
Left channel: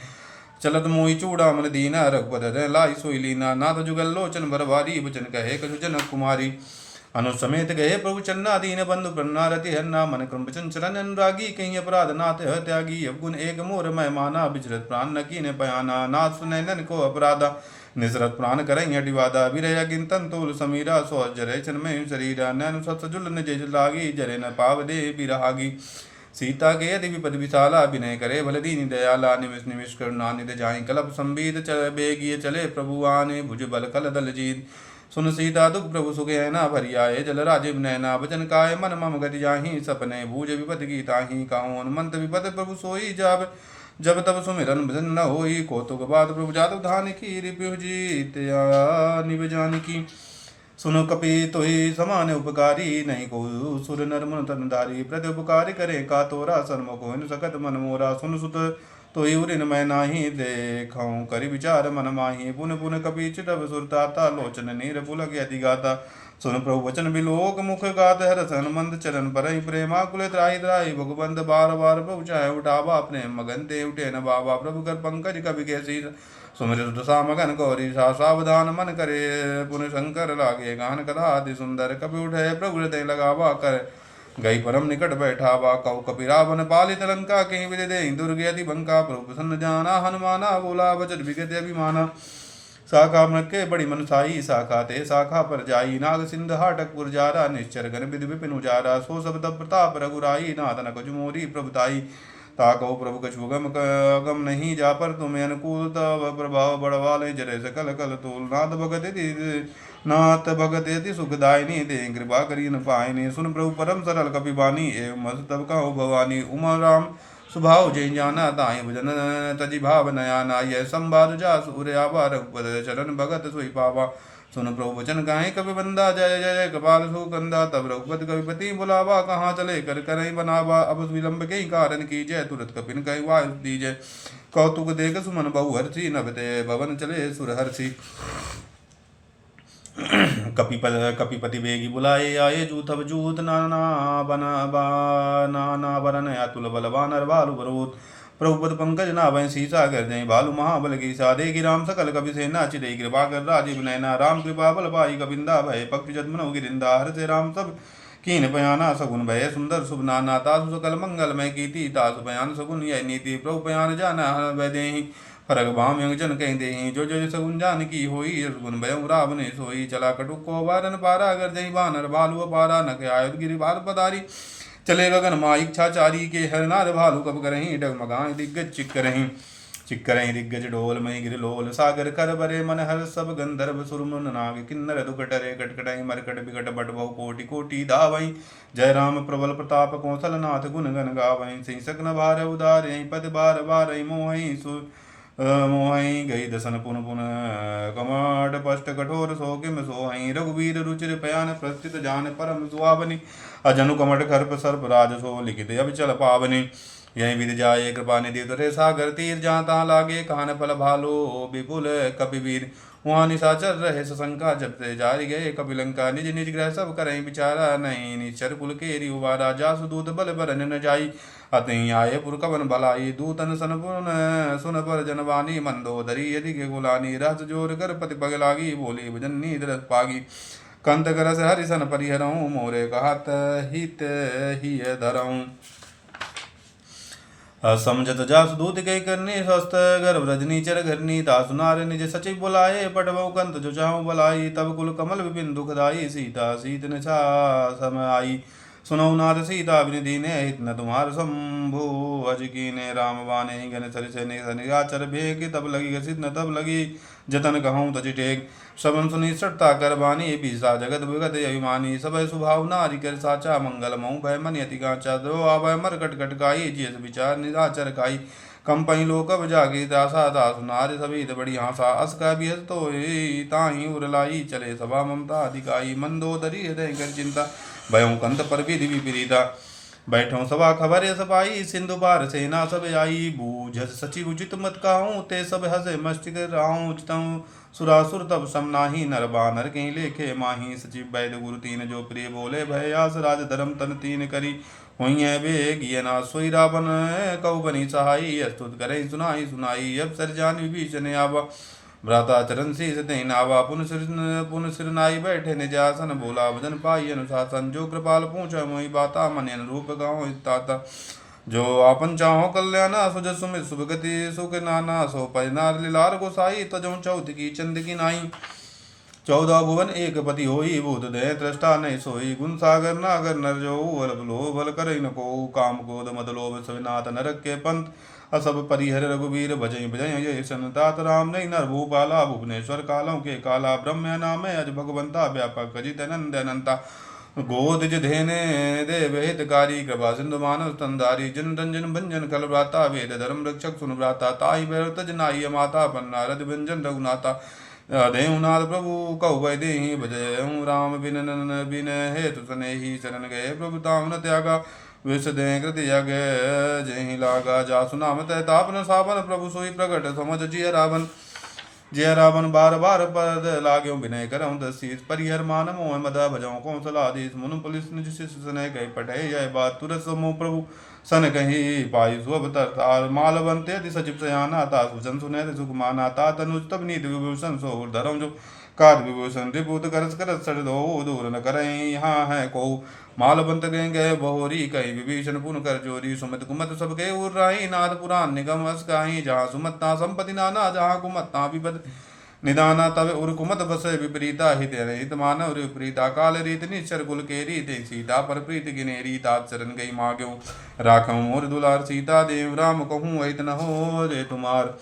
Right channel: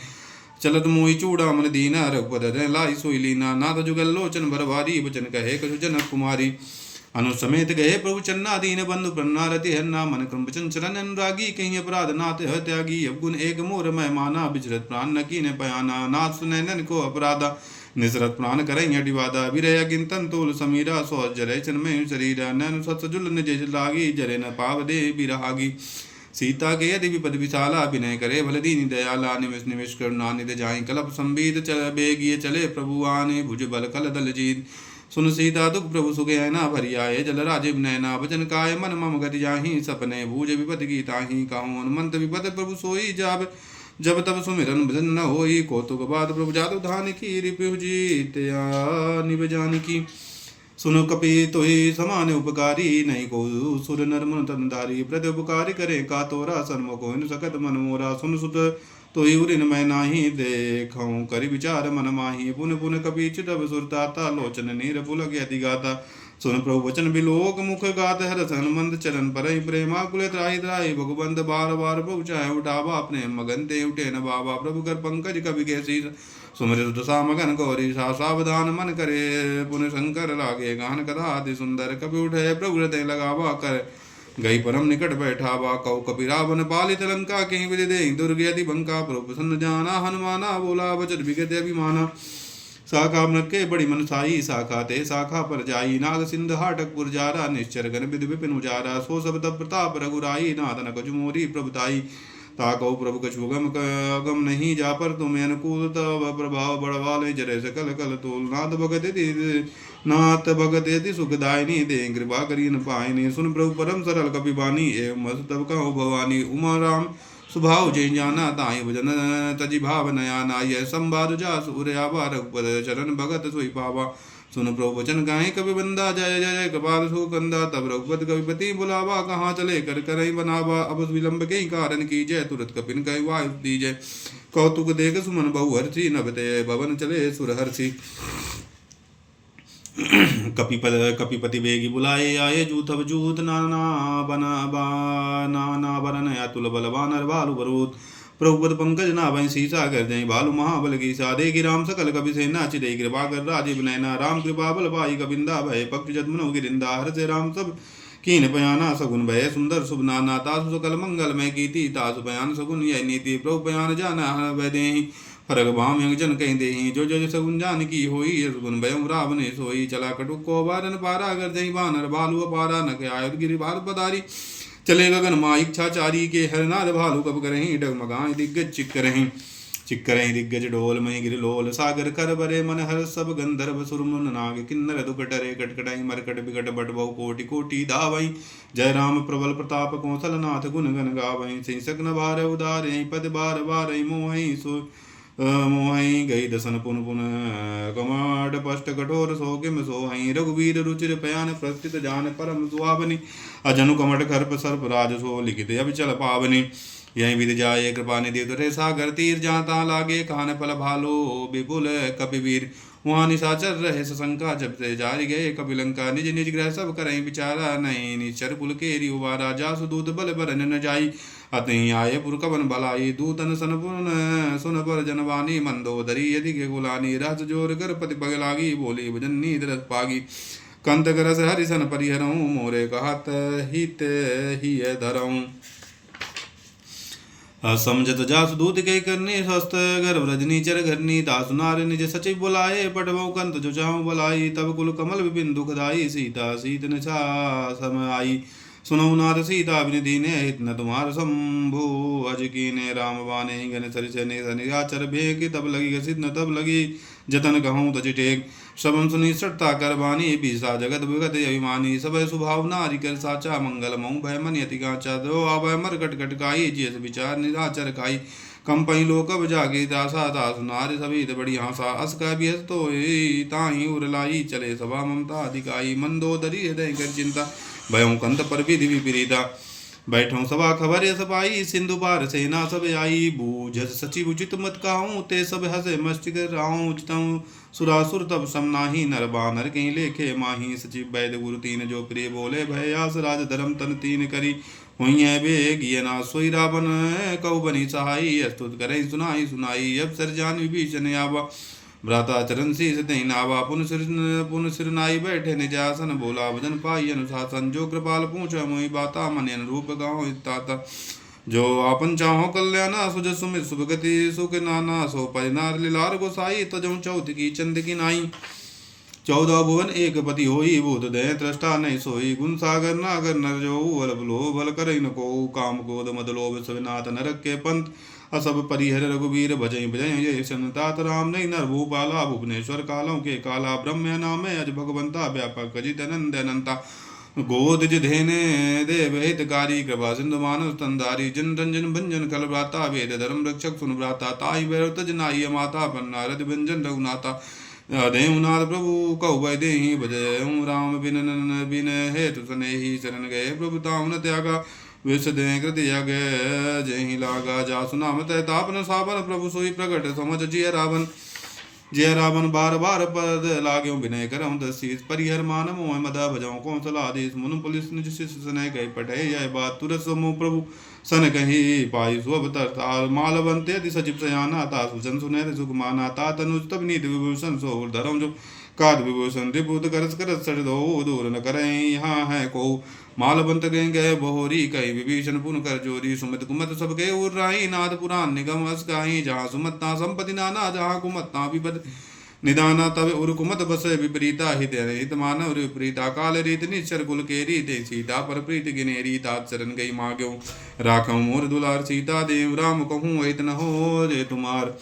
चलत मोहि चूड़ा मन दीना रघुपत लाई सोई लीना नाथ जुगल लोचन भरवारी बचन कहे कछु जनक कुमारी अनुसमेत गए प्रभु चन्ना दीन बंधु प्रन्नारति हन्ना मन क्रम चंचलन अनुरागी कहीं अपराध नाथ है त्यागी अवगुण एक मोर मैं माना बिचरत प्राण न कीने पयाना नाथ सुने नन को अपराधा निसरत प्राण करें अडिवादा विरय गिनतन तोल समीरा सो जरे चन्मय शरीरा नैन सत्सजुल निज लागी जरे न पाव दे बिरागी सीता के यदि विपद विशाला विनय करे भल दीन दयाला निमिष निमिष करुणा निध जाई कलप संबीत चल बेगिए चले प्रभु आने भुज बल कल दल जीत सुन सीता दुख प्रभु सुखे न भरियाए जल राजीव नैना वचन काय मन मम गति जाहि सपने भूज विपद की ताहि काहू हनुमंत विपद प्रभु सोई जाब जब तब सुमिरन भजन न होई कौतुक बाद प्रभु जादु धान की रिपु जीत निभ जानकी सुनो कपि तोहि समान उपकारी नहीं को सुर नर मन तनधारी प्रति उपकारी करे का तोरा सन्मुख होन सकत मन मोरा सुन सुत तो उरिन मैं नाही देखऊँ करि विचार मन माही पुन पुन कपि चितव सुरताता लोचन नीर पुलक यति गाता सुन प्रभु वचन बिलोक मुख गात हरस हनुमंत चरण पर प्रेमाकुल त्राहि त्राहि भगवंत बार बार प्रभु चाहे उठावा अपने मगन ते उठे न बाबा प्रभु कर पंकज कवि कैसी सुमिर सुदशा मगन गौरी सा सावधान मन करे पुन शंकर लागे गान कथा अति सुंदर कपि उठे प्रभु हृदय लगावा कर गई परम निकट बैठावा कौ कपि रावण पालित लंका कहीं विदे दे दुर्ग यदि बंका प्रभु प्रसन्न जाना हनुमाना बोला वचन विगत अभिमाना शाखा मृके बड़ी मनसाई शाखा ते शाखा पर जाई नाग सिंध हाटक पुरजारा निश्चर गण विधि विपिन उजारा सो सब तब प्रताप रघुराई नादन कजुमोरी प्रभुताई ताको प्रभु कछु गम नहीं जा पर तुम्हें अनुकूल तब प्रभाव बढ़वाले जरे सकल कल तूल नाथ भगत यदि सुखदायनी दे कृपा करी न पायनी सुन प्रभु परम सरल कपिबानी एवं मस तब कहो भवानी उमा राम सुभाव जय जाना ताई भजन तजि भाव नयाना यह संवाद जा सूर्यावा रघुपद चरण भगत सोई पावा सुन प्रभु वचन गाये कवि बंदा जय जय कपाल सुकंदा तब रघुपति कविपति बुलावा कहाँ चले कर करई बनावा अब विलंब के कारण की जय तुरंत कपिन कहि वायु दीजय कौतुक देख सुमन बहु हर्षि नभते भवन चले सुर हर्षि कपिपति बेगी बुलाए आये जूथ जूथ नाना नाना बरन अतुल बलवान बालु बरूत प्रभुपद पंकज नाभय सीसा कर जय बालु महाबल की साधे राम सकल कपि सेना चिदे कृपा कर राजीव नैना राम कृपा बल पाई कबिंदा भय पक्ष जदमनो गिरिंदा हर से राम सब कीन पयाना सगुन भय सुंदर शुभ नाना तासु सकल मंगलमय कीति तासु पयान सगुन यह नीति प्रभु पयान जाना वै देहि फरक भाम जन कहीं देहि जो जो सगुन जान की होई सगुन भय रावण सोई चला कटुक को बारन पारा अगर जय बानर भालु पारा नक आयुध गिरि बाल पदारी चले गगन माँ इच्छाचारी के हरनाद भालू कब करहीं डगमगाएं दिग्गज चिक्करहीं दिग्गज डोल मई गिरलोल सागर कर बरे मन हर सब गंधर्व सुरमुन नाग किन्नर दुकटरे कटकटाई मरकट बिकट बट बहु कोटि कोटि धावई जय राम प्रबल प्रताप कौशल नाथ गुण गण गावई सिंह सग्न भार उदार पद बार बार मोहई मोहई गई दसन पुन पुन कमाट पष्ट कठोर सो किम सोहई रघुवीर रुचिर पयान प्रस्थित जान परम सुहावनी अजनु कमट खर्प सर्प राज सो लिखित अभिचल पावनी यही विध जाए कृपा निधि तुरे सागर तीर जाता लागे कान फल भालो विपुल कपिवीर वहाँ निशाचर रहे सशंका जब से जारी गए कपिलंका निज निज ग्रह सब करें विचारा नहीं निश्चर कुल केरी उबारा जासु दूत बल बरन न जाई अतहि आये पुर कवन भलाई दूतन सुन पर जनवानी मंदोदरी यदि के गुलानी रस जोर कर पति पग लागी बोली भजनी दरस पागी कंत करस हरिसन परिहरऊँ मोरे कहत हित ही धरऊँ समझत जासु दूत कई करनी स्वस्थ गर्भ रजनी चर घरनी तासु नार निज सचिव बुलाए पटवऊ कंत जो चाहू बुलाई तब कुल कमल विपिन दुखदाई सीता सीत निशा समाई सुनौ नाथ सीता विनिधि ने हित न तुम्हार शंभु अज की ने राम बाने गण सरिसे ने सनिराचर भेग तब लगी घसित न तब लगी जतन कहूँ तज टेक श्रवण सुनी सटता कर बानी बीसा जगत विगत अभिमानी सब स्वभाव नारी कर साचा मंगल मऊ भय मन यति काचा दो आभय मर कट कटकाई जियस विचार निराचर काई कंपई लोकब जागी दासा दास नारी सभी बड़ी हासा अस का भी हस तो ताही उरलाई चले सभा ममता अधिकाई मंदोदरी हृदय कर चिंता भयों कंत पर विधि विपरीता बैठो सभा खबर सपाई सिंधु पार सेना सब आई बूझ सचिव उचित मत कहूँ ते सब हसे मस्तिक राहूँ उचितऊँ सुरासुर तब समनाही नर बानर कहीं लेखे माही सचिव वैद गुरु तीन जो प्रिय बोले भयास राज धर्म तन तीन करी हुई बेगियना सोई रावण कौ बनी सहाई अस्तुत करे सुनाई सुनाई अब सर जान विभीषण आवा भ्राता चरण शीस तेहि नावा पुन सिर नाई बैठे निज आसन बोला भजन पाई अनुशासन जो कृपाल पूछ मोहि बाता मन अनुरूप गाँव ताता जो आपन चाहो कल्याणा सुज सुमित सुभगति सुख नाना सो परिनार लीलार गोसाई तजो चौथ की चंद की नाई 14 भुवन एक पति होई भूत दय त्रष्टा नहीं सोई गुण सागर नागर नर जो बल बलो बल कर न को काम क्रोध मद लोभ सविनाथ नरक के पंथ असब परिहर रघुवीर भजई भजई ये सनतात राम नहीं नर भूपाला भुवनेश्वर कालों के काला ब्रह्म नाम अज भगवंता व्यापक अजित नंद अनंता गोदिज धेने देव हितकारी कृपा सिंधु मानव स्तंधारी जन रंजन भंजन कल भ्राता वेद धर्म रक्षक सुन भ्राता ताई भैरव तज नाई माता पन्ना रथ व्यंजन रघुनाथा देवनाथ प्रभु कहु वै देहि भजय राम बिन नन बिन हेतु सनेहि शरण गए प्रभु ताम न त्यागा विष दे कृत यज्ञ जहि लागा जासु नाम तय तापन सावन प्रभु सोई प्रगट समझ जिय रावण जय रावण बार बार पद लाग्यो विनय करऊँ दसीस परिहर मान मोह मदा भजऊ कौशलाधीश मुन पुलिस निज शिष्य सनय गई पठे जय बात तुरस मो प्रभु सन कही पाई सुअवतर मालवंते यदि सचिव सयाना ता सुजन सुनहर सुख माना ता तनुज तब नीत विभूषण सो धरम जो काद विभूषण त्रिभूत करस करस सर दो दूर न करें यहाँ है को मालवंत गए गए बहोरी कही विभीषण पुन कर जोरी सुमित कुमत सब के उर राही नाथ पुराण निगम अस काही जहाँ सुमत्ता संपति नाना जहाँ कुमत्ता विपद निदाना तव उर कुमत बस विपरीता हित हित मानव विपरीता काल रीत निश्चर कुल के रीत सीता पर प्रीत गिने रीतात शरण गई माग्यो राखम मोर दुलार सीता देव राम कहूँ हित न हो रे तुम्हार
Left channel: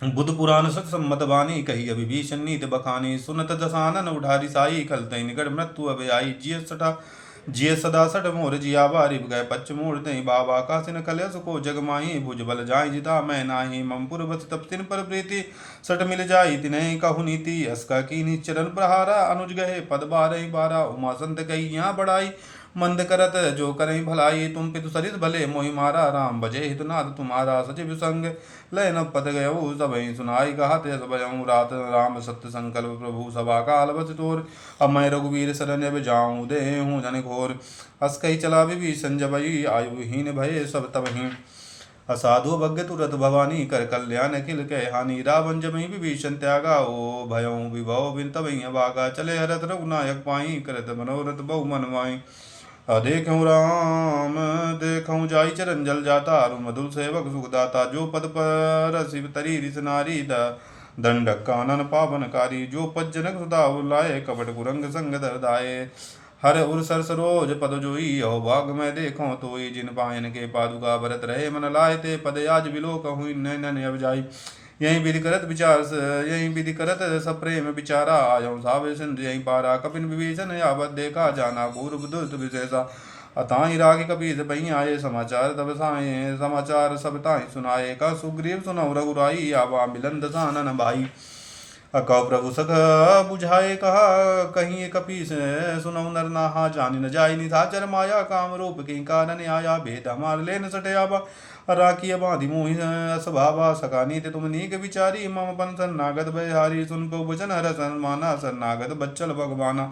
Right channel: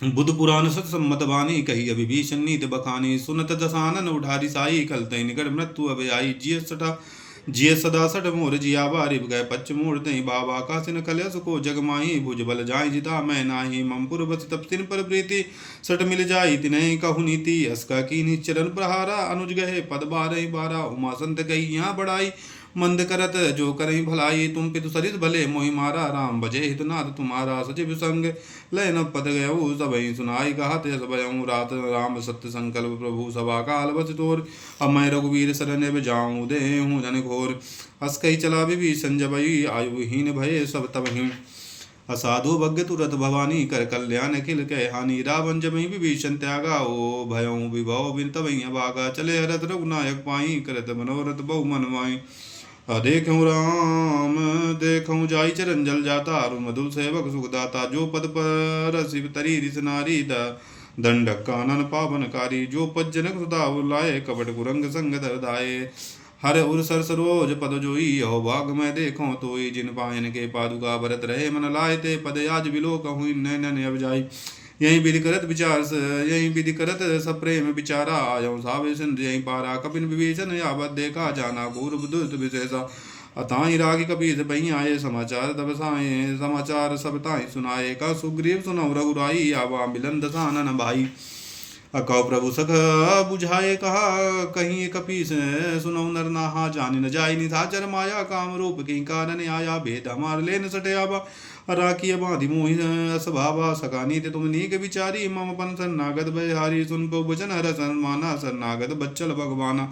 बुद्ध पुराण सत सम्मत वाणी कही अभिभीषण नीत बखानी सुनत दसानन उठारी साई खल तई निकट मृत्यु अभय आई जिय सदा सठ मोर जिया बारी गए पच्च मोर तई बाबा कासिन कलयस को जग माही भुज बल जाई जिता मैं नाही ममपुर बस तप तिन पर प्रीति सट मिल जाई तिन्ह कहु नीति अस्का की चरण प्रहारा अनुज गहे पद बारह बारा उमा संत कही यहाँ बढ़ाई मंद करत जो करही भलाई तुम पितु सरित भले मोहि मारा राम भजे हितनाथ तुम्हारा सचिव संग लय न पद गयऊ सबहि सुनाई कहत यस भयऊ रात राम सत्य संकल्प प्रभु सभा काल बस तोर अब मैं रघुवीर शरण अब जाऊँ दे हूँ जन घोर हस कही चला विभीषण जबई आयुहीन भय सब तबहि असाधु भग्य तुरत भवानी कर कल्याण अखिल कह हानि रावण जमहि विभीषण त्यागा ओ भयऊ विभव बिन तबहि अभागा चले हरत रघुनायक पाई करत मनोरथ बहु मन माई देखूँ राम देखूँ जाई चरण जल जाता अरु मधुर सेवक सुखदाता जो पद पर शिव तरी रिस नारी दंडक कानन पावनकारी जो पज्जनक सुधा लाए कपट कुरंग संग दरदाये हर उर सर सरोज पद जोई हो भाग में देखो तोई जिन पायन के पादुका भरत रहे मन लाए ते पद आज बिलो कहूँ नैन अब जाई यही विधि करत विचार यही विधि करत सप्रेम विचारा आयो सावे सिंध यही पारा कपिन विभीषण यावत देखा जाना पूर्व दुर्त विशेषा अताई रागी कपीस बही आये समाचार तब साए समाचार सब ताई सुनाए का सुग्रीव सुनौ रघुराई आवा मिलन दसानन भाई अकौ प्रभु सख बुझाए कहा कहीं कपीस सुनौ नर नाहा जानि न जाई निशाचर माया काम रूप की कारण आया भेद हमार ले न सटे आबा राखी बाधि मोहि स्वभावा सकानी ते तुम नीक विचारी मम पन शरणागत भयहारी सुन को वचन हर सन्माना शरणागत बच्चल भगवाना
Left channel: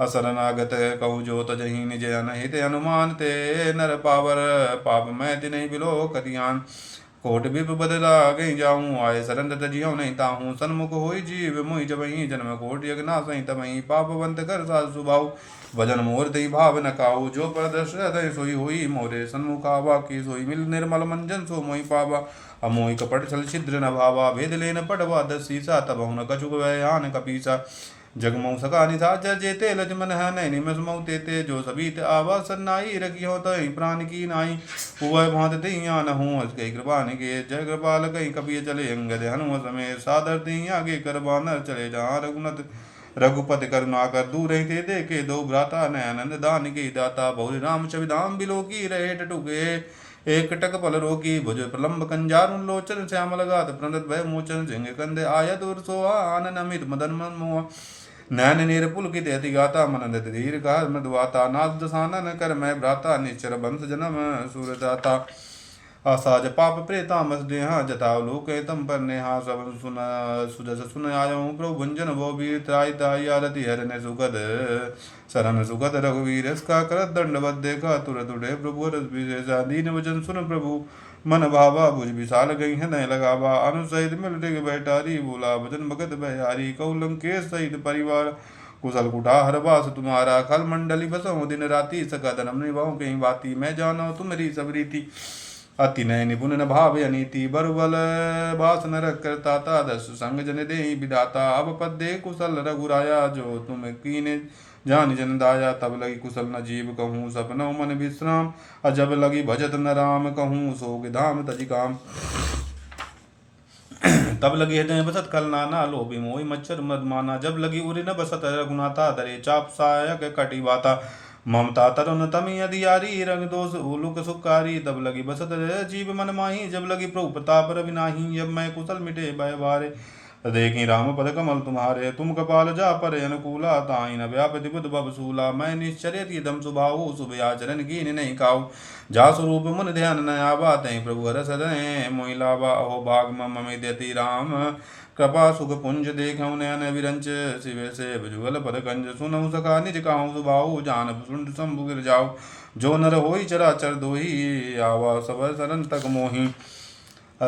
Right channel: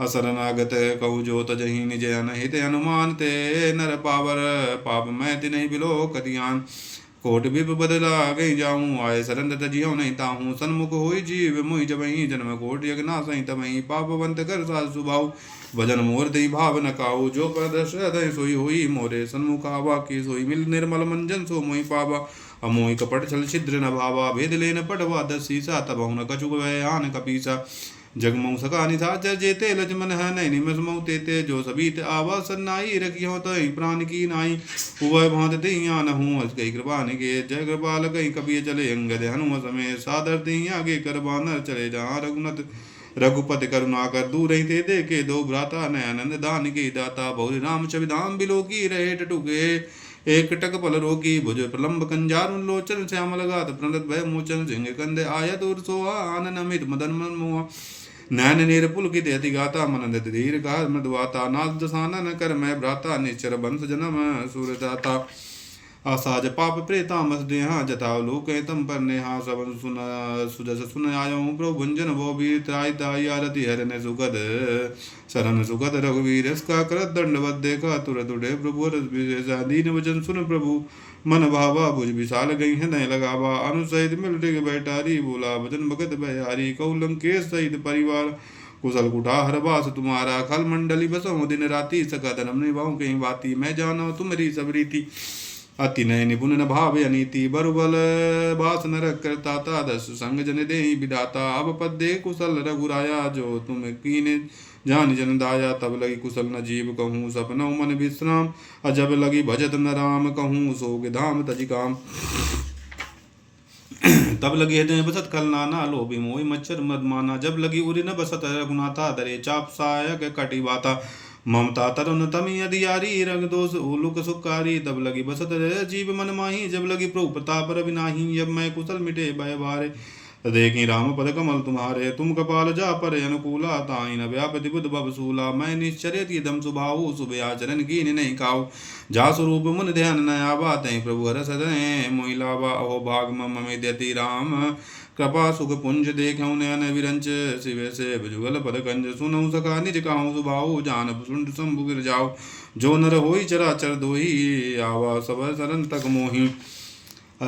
असरनागत कहु जो तजहि निज अनहित अनुमान ते नर पावर पाप मैं तिन्हि बिलो कदियान कोट विप बदला गई जाऊँ आय सरन तजियो नहीं ताहूँ सन्मुख होई जीव मुहि जबहि जन्म कोट यज्ञना सही तमहि पापवंत कर साल सुभाव भजन मोर दई भाव न काऊ जो प्रदर्श हृदय सोई हुई मोरे सन्मुखा वाकी सोई मिल निर्मल मंजन सो मोहि पावा अमोहि कपट छल छिद्र न भावा भेद लेन पटवा दसीसा तब न कछुक वयान कपीसा जगमऊ सका निशाचर जेते लजमन है नैनि मसमऊ तेते जो सबीत आवा सन्नाई रखी हो तई प्राण की नाई हुआ भांत दहिया न हूँ कई कृपा निके जय कृपाल कई कपिय चले अंगद हनुम समय सादर दहिया आगे कर बानर चले जहाँ रघुनत रघुपति करुणा कर दूर ही थे देखे दो भ्राता नयनंद दान के दाता बहु राम चविधाम बिलो की रहे टटुके एक टक पल रोकी भुज प्रलंब कंजार लोचन श्यामल गात प्रणत भय मोचन सिंह कंद आयत उर सोहा आनन अमित मदन मन मोह नैन नीर पुलकित अति गाता मन धीर गाह मृदुवाता नाथ दसानन कर मैं भ्राता निश्चर बंश जन्म सूरदाता असाज पाप प्रेतामस देहा जताव लोक तम पर नेहा सब सुन सुजस सुन आयो प्रभु भंजन वो वीर त्राय ताई आरती हरने सुखद शरण सुखद रघुवीर इसका करत दंडवत देखा तुरत उठे प्रभु रस विशेषा दीन वचन सुन प्रभु मन भावा भुज विशाल गई हृदय लगावा। अनु सहित मिल डिग बैठारी, बोला बचन भगत बहारी। कहु लंकेश सहित परिवार, कुशल कुठार बास तुम्हारा। खल मंडली बसहु दिन राति, सका धर्म निभाऊं कहीं बाती। मैं जानो तुम्हारी सब रीति, अति नय निपुण न भाव अनीति। बरुबल बास न रख करता था, दस संग जन दे विधाता। अब पद दे कुशल रघुराया, जो तुम कीने जान जन दाया। तब लगी कुशल न जीव कहूँ, सपनौ मन विश्राम। अजब लगी भजत न राम, कहूँ सोग धाम तजि काम। तब लगी हृदय बसत कल नाना, लोभी मोहि मच्छर मद माना। जब लगी उरि न बसत रघुनाथा, दरे चाप सायक कटि बाता। ममता तरुण तमी अधियारी, रंग दोष उलुक सुकारी। तब लगी बसत जीव मन माही, जब लगी प्रभु प्रताप रविनाही। जब मैं कुशल मिटे भय बारे, देखी राम पद कमल तुम्हारे। तुम कपाल जा पर अनुकूला, ताई न व्यापति बुध बबसूला। मैं निश्चर्य दम सुभाऊ, शुभ आचरण कीन नहीं खाऊ। जा स्वरूप मन ध्यान न आवा, तै प्रभु हरस हृदय मोहि लावा। अहो भाग मम देति राम, कृपा सुख पुंज देखऊँ नयन विरंच। शिव से भुजगल पद कंज, सुनऊ सखा निज काहू सुभाऊ। जान सुंड शंभु गिर जाऊ, जो नर होई चराचर दोही। आवा सब शरण तक मोहि,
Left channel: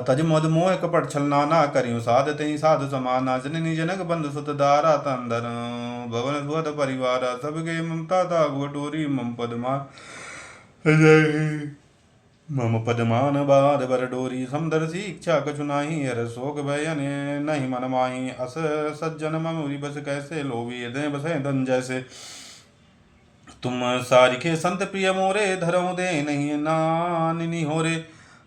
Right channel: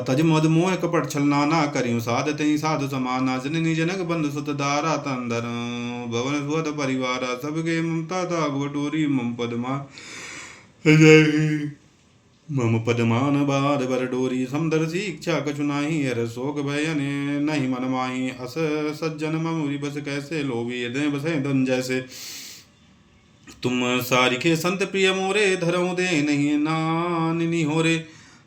तज मद मोह कपट छल नाना। करियो साध तई साध समाना। जननी जनक बंधु सुत दारा, तंदर भवन सुहद परिवार। सबके ममता दाग बटोरी, मम पदमा मम पदमान बार बर डोरी। समदर्शी इच्छा कछु नाही, हर शोक भय नहीं मन माही। अस सज्जन ममुरी बस कैसे, लोभी हृदय बसे धन जैसे। तुम सारिखे संत प्रिय मोरे, धरऊ दे नहीं नानिनी होरे।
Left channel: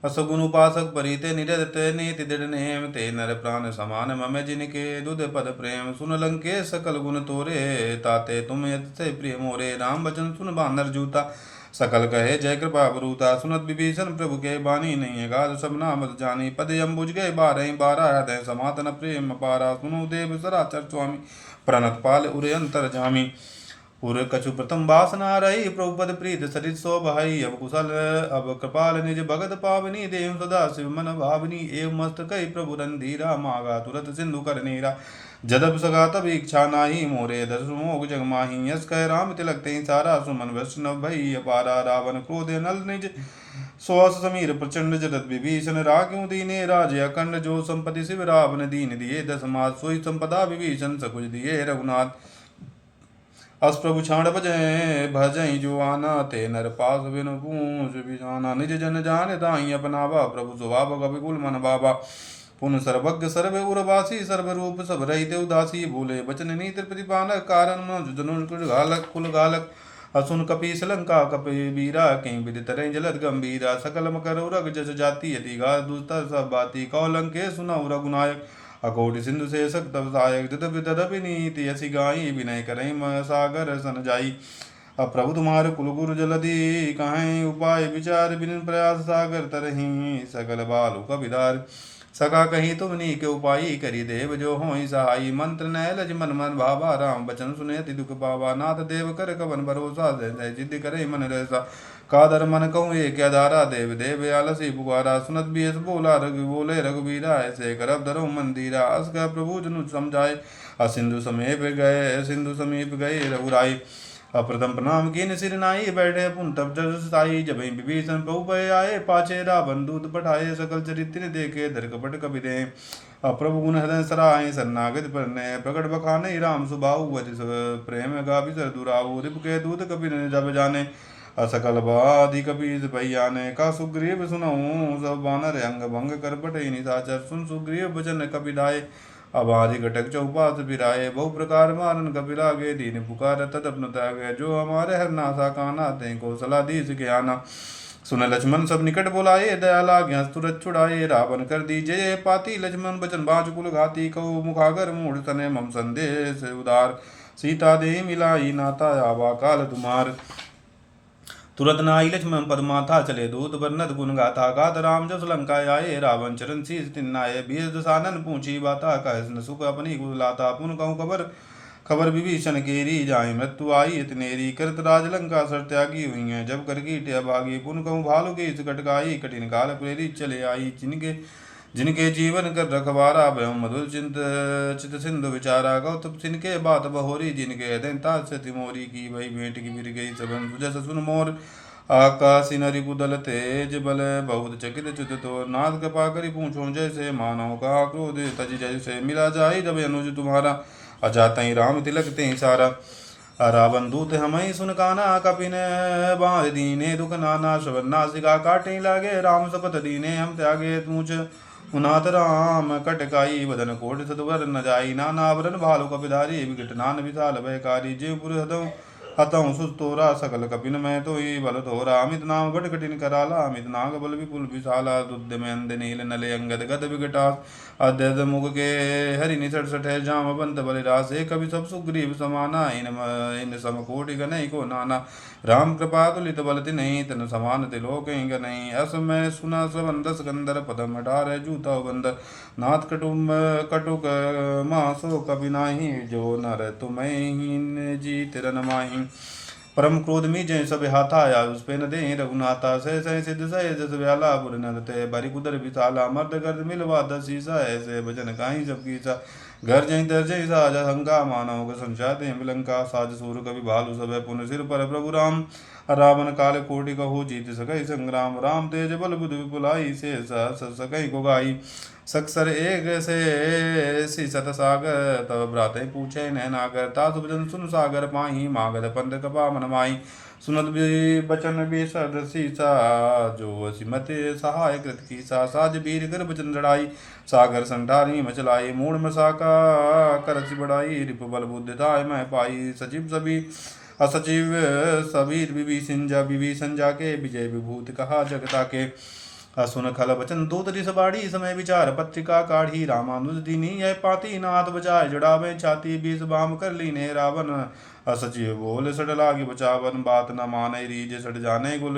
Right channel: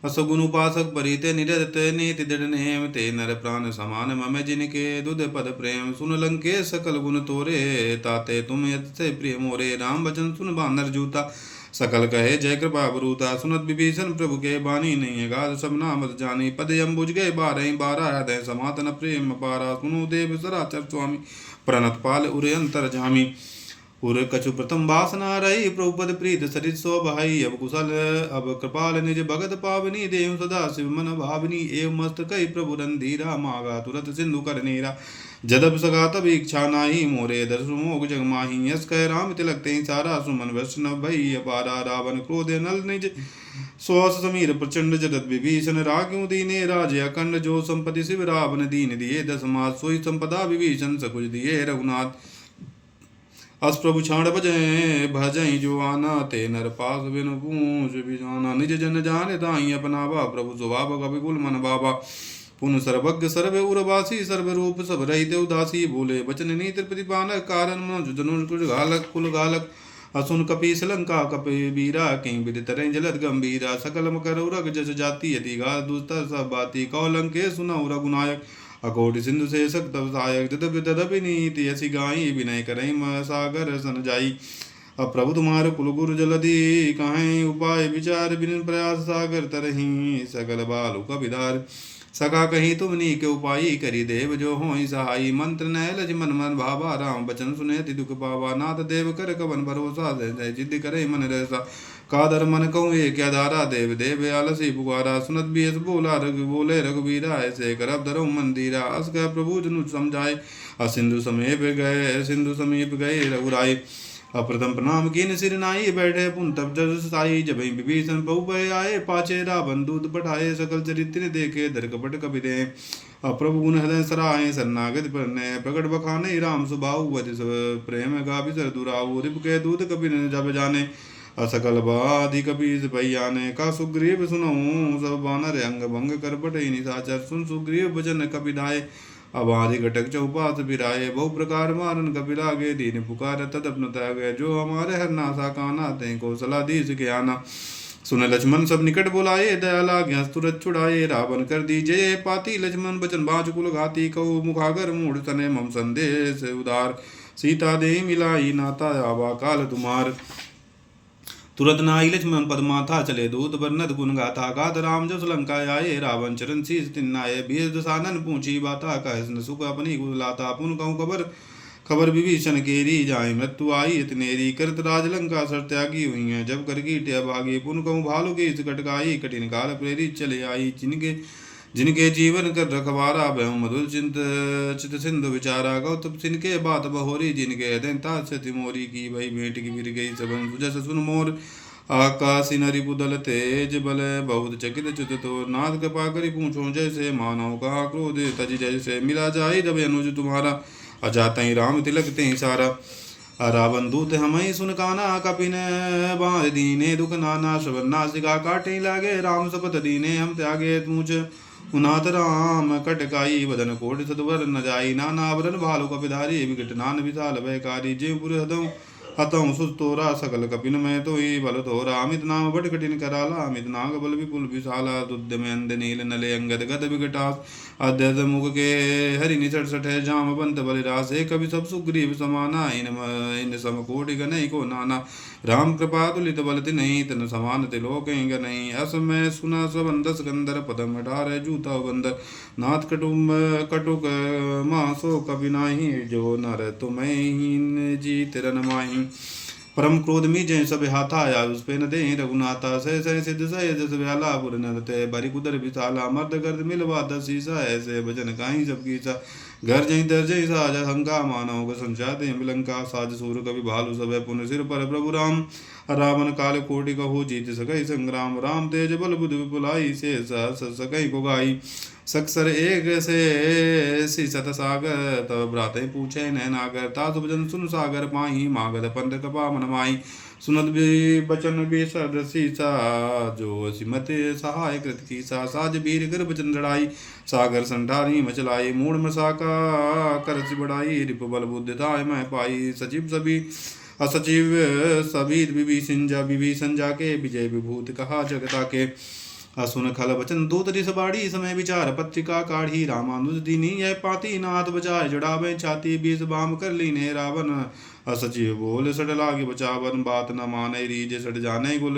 असगुन उपासक परिते निरते, नीति दृढ़ नेम। ते नर प्राण समान मम जिनके, दुध पद प्रेम। सुन लंके सकल गुण तोरे, ताते तुम यत से प्रिय मोरे। राम वचन सुन बानर जूता, सकल कहे जय कृपा बरूता। सुनत विभीषण प्रभु के बानी, नहीं अगाध सब नामत जानी। पद अम्बुज गए बारह बारह, हृदय समातन प्रेम पारा। सुनो देव सराचर स्वामी, प्रणत पाल उरे अंतर जामी। उर कछु प्रथम वासना रही, प्रभुपद प्रीत सरित सो भाई। अब कुशल अब कृपाल निज भगत पावनी, देव सदा शिव मन भावनी। एव मस्त कई प्रभु रंधीरा, मागा तुरत सिंधु कर नीरा। जदब सगा तब इच्छा नाही, मोरे दर्श मोग जग माही। यस कह राम तिलक ते सारा, सुमन वैष्णव भई अपारा। रावण क्रोध नल निज सुहास समीर, प्रचंड जगत विभीषण। राग्यों दीने राज अखंड, जो संपत्ति शिव रावण दीन दिए। दस मास सोई संपदा, विभीषण सकुज दिए रघुनाथ। अस प्रभु छाण भजय भजई जो आना, ते नर पास बिनु पूछ बिजाना। निज जन जाने ताई अपनावा, प्रभु स्वभाव कपिकुल मन बाबा। पुन सर्वज्ञ सर्व उर्वासी, सर्व रूप सब रहित उदासी। भूले बचन नीति प्रतिपालक, कारण मनुज धनुष घालक कुल घालक। असुन कपीस लंका कपि वीरा, कहीं विद तरह जलद गंभीरा। सकल मकर उरग जस जाति, यदि गा दुस्तर सब बाती। कौ लंके सुनऊ रघुनायक, अकोटि सिंधु से सक्त सायक। तदपि तदपि नीति यसी गाई, विनय करई सागर सन जाई। अब प्रभु तुम्हारे कुल गुरु जलधि, कहें उपाय विचार। बिन प्रयास सागर तरही, सकल बालु कबिदार। सका कहीं तुम नीक उपाय, करी देव जो होई सहाई। मंत्र नय लज मन मन भावा, राम बचन सुने ति दुख पावा। नाथ देव कर कवन भरोसा, जय जिद करे मन रहसा। कादर मन कहूँ एक आधारा, देव देव आलसी पुकारा। सुनत भी बोला रघु बोले रघुबीरा, ऐसे करब धरो मंदिरा। अस कह प्रभु जनु समझाए, सिंधु समीप गए रघुराय। अप्रथम प्रणाम कीन सिर नाई, बैठे पुन तब जस साई। जब विभीषण प्रभु भय आए, पाछे रावण दूत पठाए। सकल चरित्र देखे, दर कपट कपि दे। प्रभु गुण हृदय सराय, शरणागत परने। प्रकट बखाने राम सुबाहु, वधि प्रेम गाभि सर दुराऊ। रिप के दूत कपि जब जाने, असकल बाधि कपि भैयाने। का सुग्रीव सुनऊ सब बानर, अंग भंग कर पटई निशाचर। सुन सुग्रीव वचन कपि दाय, अबाधि घटक चौपात फिराए। बहु प्रकार मारन कपि लागे, दीन पुकार तदपन त्यागे। जो हमारे हर नासा काना, ते कौशलाधीश के आना। सुन लक्ष्मण सब निकट बुलाए, दया लाग्या तुरत छुड़ाए। रावण कर दीजिए पाती, लक्ष्मण बचन बाँच कुल घाती। कहु मुखागर मूढ़ तने, मम संदेश उदार। सीता दे मिलाई, नाता आवा काल तुम्हार। तुरत नाई लक्ष्मण पद माथा, चले दूत बरनत गुण गाथा। गात राम जस लंका आए, रावण चरण शीस तिन्नाए। बीस दसानन पूछी बाता, कह न सुख अपनी कुलाता। पुन कहूँ खबर विभीषण केरी, जाए मृत्यु आई इतनेरी। करत राज लंका सर त्यागी, हुई है जब कर कीट अभागी। पुन कहूँ भालु के कटकाई, कठिन काल प्रेरित चले आई। जिनके जीवन कर रखवारा, भय मधुर चित सिंधु विचारा। गौतम सिनके बात बहोरी, जिनके हृदय तिमोरी। की भई भेंट की फिर गई सबन सुजस सुन मोर। आकाशी नरि पुदल तेज बल बहुत चकित च्युत तो नाथ कृपा करी पूछो जैसे मानव का क्रोध तज जैसे मिला जाए जब अनुज तुम्हारा अजात ही राम तिलक ते सारा रावण दूत हमें सुन काना कपिन बांध दीने दुख नाना श्रवण नासिका काटे लागे राम सपत दीने हम त्यागे तूच उनाथ राम कटकाई बदन कोट सदवर न जाई नाना आवरण भालु कपिधारी विकट नान विशाल भयकारी जीवपुर हदों हतों सुत तोरा सकल कपिन मैं तो ही बल तोरा अमित नाम बड़ कठिन कराला अमित नाग बल विपुल विशाला दुद्ध में अंध नील नले अंगद गद विकटास अद्यत मुख के हरि निसट सठ जाम बंत बलिरास एक कवि सब सुग्रीव समाना इन सम कोटि गनई को नाना राम कृपा तुलित बल नहीं तन समान तिलोक नहीं अस मैं सुना सबंद सिकंदर पदम अठार जूता बंद नाथ कटुम कटुक मासो कवि नाही जो नर तुम्हें हीन जीत रन माही परम क्रोध मी जय सब हाथा आया उस पे न दे रघुनाथा सह सह सिद्ध सह जस व्याला पुर नरते बरि कुदर विशाला मर्द गर्द मिलवा दसीसा ऐसे भजन काहीं सब कीसा घर जय दर जय साज हंगा मानव संचा दे लंका साज सूर कवि भालु सब पुन सिर पर प्रभु राम रावण काल कोटि कहु जीत सकई संग्राम राम तेज बल बुध विपुलाई से सकई को गाई सक्सर एक से सत सागर तब भ्रात पूछे नैनागर तासु भजन सुन सागर पाही मागध पंथ कपा मन माही सुनत भी बचन भी सीसा जो सिमत सहाय कृत की साज वीर कर बचन लड़ाई सागर संठारी मचलाई मूड मसाका करच बढ़ाई रिप बल बुद्धिताय मैं पाई सचिव सभी असचिव सभी विभीषण जाके विजय विभूति कहा जगता के सुन खल बचन दूत रिस बाड़ी समय विचार पत्रिका काढ़ी रामानुज दीनी यह पाती नाथ बचाए जड़ावे छाती बीस बाम कर लीने रावण असचिव बोल सट लागे बचावन बात न माने रीज सट जाने कुल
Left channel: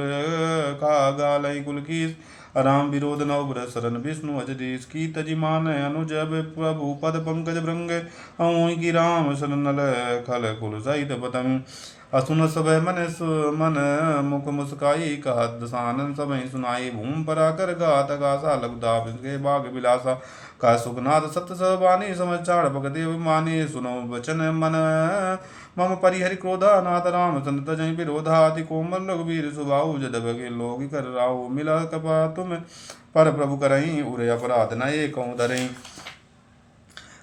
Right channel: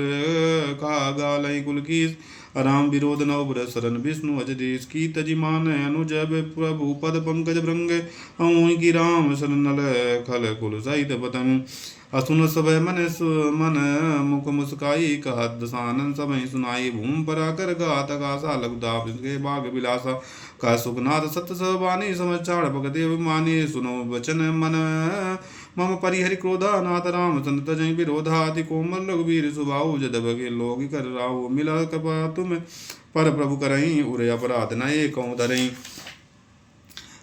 का गालई कुल कीस राम विरोध नव ब्रत शरण विष्णु अजदेश की तजिमान अनुज प्रभु पद पंकज भृंग की राम शरण खल कुल सहित पतंग असुन सब मन मुख मुस्काई कहत दसानन सब सुनाई भूम परा कर गात गासा लघुदाप के बाग बिलासा का सुखनाथ सत्य सहबानी समाचार भगत अभिमानी सुनो वचन मन मम परिहरि क्रोधा नाथ राम संत जय विरोधा अति कोमल रघुवीर सुबाहु जद बगे लोग कर राहु मिला कृपा तुम पर प्रभु करई उरे अपराध न एक धरई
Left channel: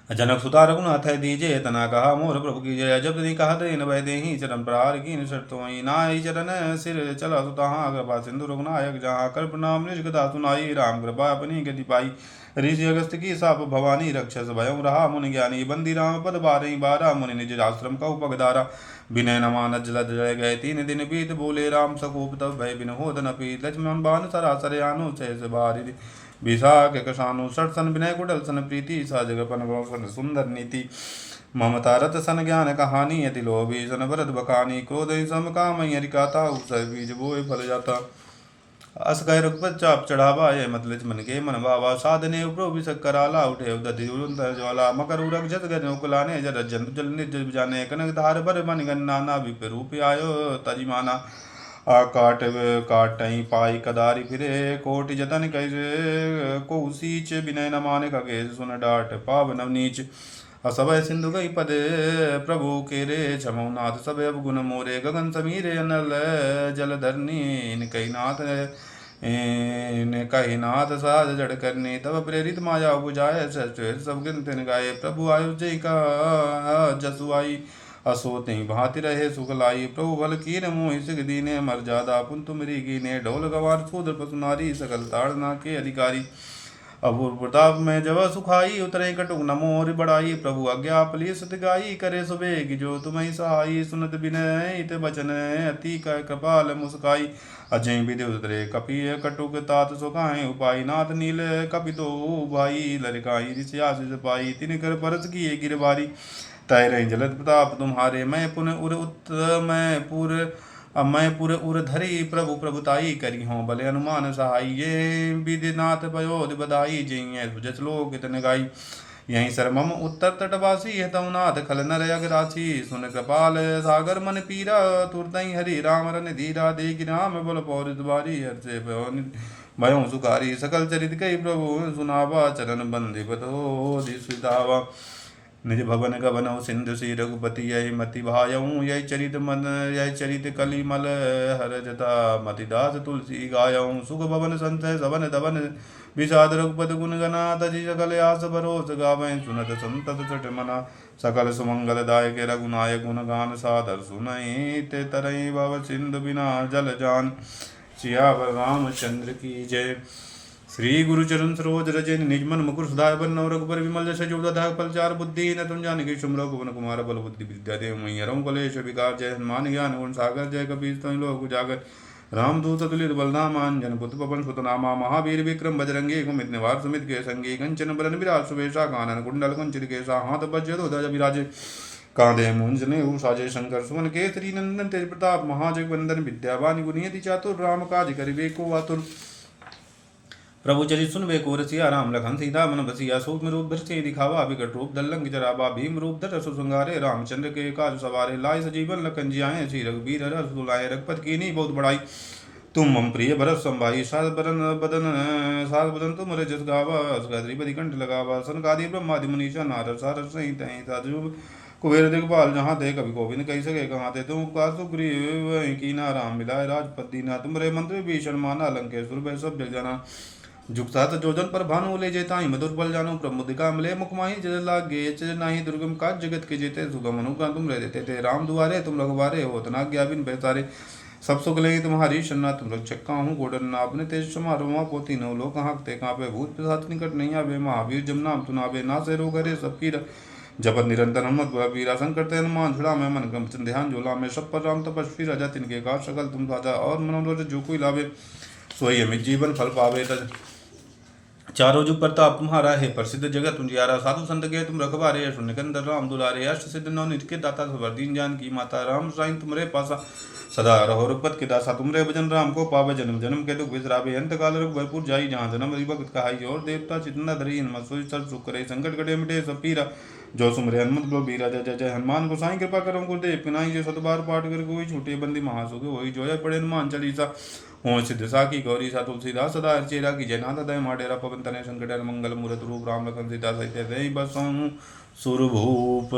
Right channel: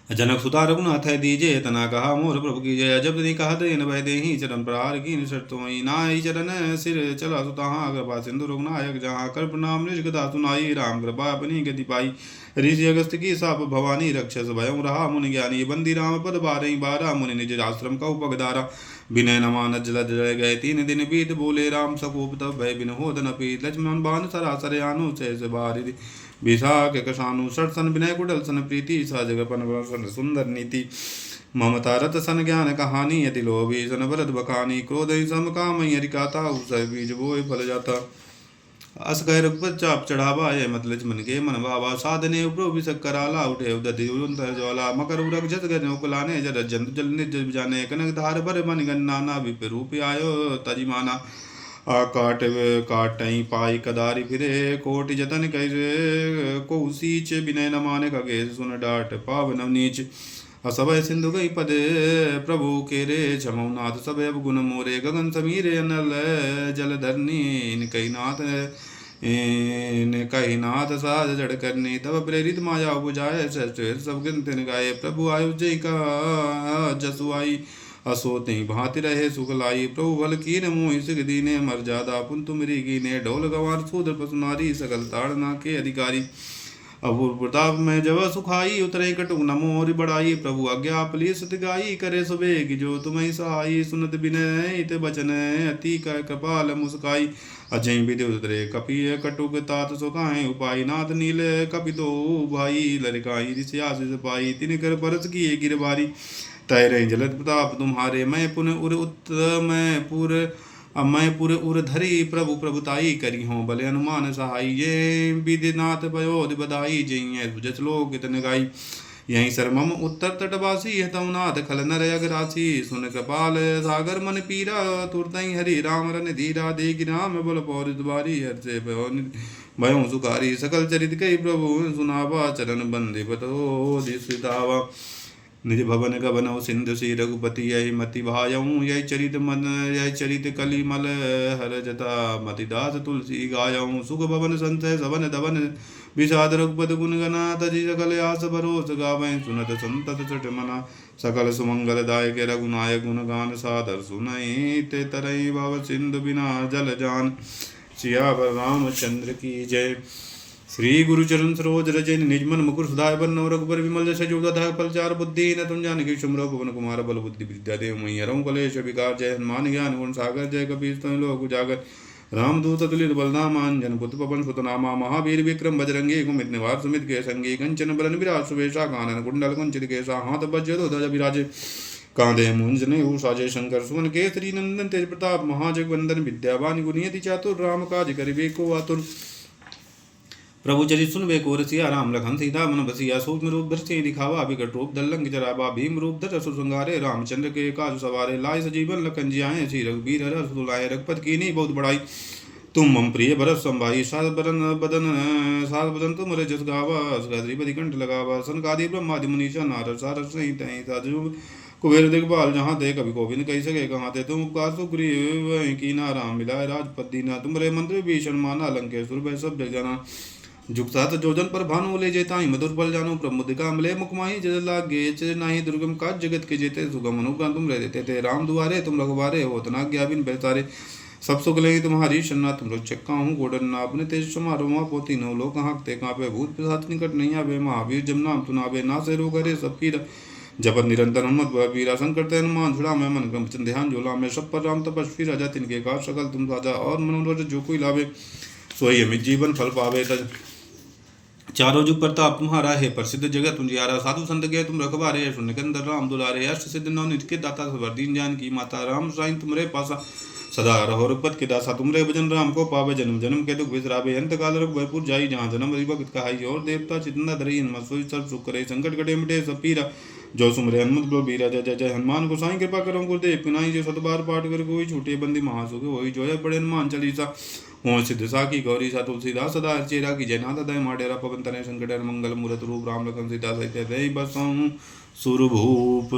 जनक सुता रघुनाथ दीजे तना कहा मोर प्रभु की जय जब दी कहा दे न दे चरण प्रहार की शर्तो नाई चरण सिर चला सुता कृपा सिंधु रघुनायक जहाँ कर प्रणाम निज कथा सुनाई राम कृपा अपनी गति पाई ऋषि अगस्त की साप भवानी रक्षस भयं रहा मुनि ज्ञानी बंदी राम पद बारही बारा मुनि निज आश्रम का उपगदारा विनय नमान जलद जय गए 3 दिन बीत बोले राम सकोप तब भय बिन हो धन पीत लक्ष्मण बान सरासर आनु शेष बारी विशाख कशानु सठ सन विनय कुटल सन प्रीति सा जगपन सुंदर नीति ममता रत सन ज्ञान कहानी यति लोभी सन भरत बखानी क्रोध सम काम हरिकाता उसर बीज बोए फल जाता अस कह रघुपत चाप चढ़ावा ये मत लक्ष्मण के मन भावा साधने उपरो विसक कराला उठे उदधि ज्वाला मकर उरग जत गने उकलाने जर जंत जल निर्जल जाने कनक धार भर मन गन्नाना विप रूप आयो तजिमाना काट काटई पाई कदारी फिरे कोटि जतन कैसे को सीच विनय न माने खगे सुन डाट पाव नवनीच असभय सिंधु गई पद प्रभु के रे छमौनाथ सब अब गुण मोरे गगन समीरे अनल जल धरनी कई नाथ कही नाथ साज जड़ करनी तब प्रेरित माया बुझाए सब गिनते गाये प्रभु आयु जय का जसु आई असो तई भांति रहे सुख लाई प्रभु बल कीन मोहि सिख दीने मर्यादा पुन तुमरी कीने ढोल गवार सूदर पसुनारी सकल ताड़ना के अधिकारी अपूर्व प्रताप में जब सुखाई उतरे कटुक नमोर बढ़ाई प्रभु आज्ञा पली सत गाई करे सुबेग जो तुम्हें सहाई सुनत बिनय इत बचन अति कपाल मुस्काई अजय विधि उतरे कपि कटुक तात सुखाए उपाय नाथ नील कपि दो भाई लड़काई ऋषियास पाई तिन कर परस किए गिरबारी तय रहे जलद प्रताप तुम्हारे मैं पुनः उर उत मैं पुर उर धरी प्रभु प्रभुताई करी हों भले हनुमान सहाई ये विधिनाथ पयोध बधाई जय सुजस लोक इतन गाई यहीं सरमम उत्तर तटवासी है तमुनाथ खल नर अगरासी सुन कृपाल सागर मन पीरा तुरतई हरि राम रन धीरा देख राम बल पौर दुबारी हर से भयो सुखारी सकल चरित कई प्रभु सुनावा चरण बंदे बतो दिसुतावा निज भवन गबनौ सिंधु सी रघुपति यही मति भायऊँ यही चरित कलिमल हर जता मति दास तुलसी गायऊँ सुख भवन संतय सवन दवन विषाद रघुपति गुण गना तजी सकल आस भरोस गावें सुनत संतत चट मना सकल सुमंगल दायक रघुनायक गुण गान सादर सुनई ते तरई भव सिंधु बिना जल जान सियावर रामचंद्र की जय। श्री गुरु चरण सरोज रज निज मन मुकुर सुधार बन रघुबर विमल जस जो दाधा पलचार बुद्धि न तुम जान सुमरो पवन कुमार बल बुद्धि विद्या देव मई हरम कलेश विकार जय हनुमान ज्ञान गुण सागर जय कबीर तुम लोक उजागर रामदूत तुलिर बलरामान जन पुत्र पवन सुत नामा महावीर विक्रम बजरंगी कुमित निवार सुमित के संगी कंचन बरन विराज सुवेशा कानन कुंडल कुंचित केसा हाथ वज्र ध्वज विराजे कांधे मुंजने साजय शंकर सुवन केसरी नंदन तेज प्रताप महाजगवंदन विद्यावान गुणियति चातुर राम काज करिबे को आतुर प्रभु चरित सुनबे को रसिया राम लखन सीता मन बसिया सूक्ष्म रूप धरते दिखावा विकट रूप दल्लंग जराबा भीम रूप धर सुसंगारे रामचंद्र के काज सवारे लाए सजीवन लखन जियाए श्री रघुबीर हर सुलाए रघुपत कीनी बहुत बड़ाई तुम मम प्रिय भरत संभाई सात बदन तुम रजस गावा श्रीपति कंठ लगावा सनकादि ब्रह्मादि मुनीषा नारद सारद सहित साधु कुबेर दिखपाल जहाँ थे कभी गोविंद कही सके कहाँ थे तुम का सुग्रीव की नाराम मिलाए राजपद दीना तुम रे मंत्र भीषण माना लंकेश्वर भय सब जग जाना जुगसात जोजन पर भानु ले जेता ही मधुर बल जानो प्रमुदिका मिले मुखमाही जल लागे नाही दुर्गम काज जगत के जेते सुगम अनुग्रह तुम रह देते थे राम दुआरे तुम रघुवारे हो तना ज्ञा बिन बेसारे सब सुख ले तुम्हारी शन्ना तुम रक्षक हूँ गोडन अपने तेज समारोह पोती नो लोक हाँकते कांपे भूत पिशाच निकट नहीं आवे महावीर जब नाम सुनावे ना से रो करे सब पीर जपत निरंतर हनुमत वीरा संकट हनुमान छुड़ा मैं मन क्रम ध्यान झोला में सब पर राम तपस्वी राजा तिनके का सकल तुम राजा और मनोरथ जो कोई लावे सोई अमित जीवन फल पावे चारों जुग प्रताप तुम्हारा है प्रसिद्ध जगत तुंजियारा साधु संत के तुम रखवारे शून्यकंदर राम दुलारे अष्ट सिद्ध नौ नित्य के दाता सबर दीन जान की माता राम साईं तुमरे पासा सदा रहो रघुपत के दासा तुमरे भजन राम को पावे जन्म जन्म के दुख बिसरावे अंत काल रघुपरपुर जाई जहाँ जन्म भक्त कहाई और देवता चितना धरी सोई सब सुख करे संकट कटे मिटे सब पीरा जो सुमरे हनुमत बलो बीरा जय जय जय हनुमान गोसाई कृपा करो गुरुदेव पिनाई जो सतबार पाठ कर कोई छूटे बंदी महासुख वही जो है बड़े हनुमान चालीसा हो सिद्ध साखी गौरी सा तुलसीदास सदा चेरा की जयनाथ दय माडेरा पवन तनय संकट मंगल मूरत रूप राम लखन सीता सहित दई बसनु सुरभूप।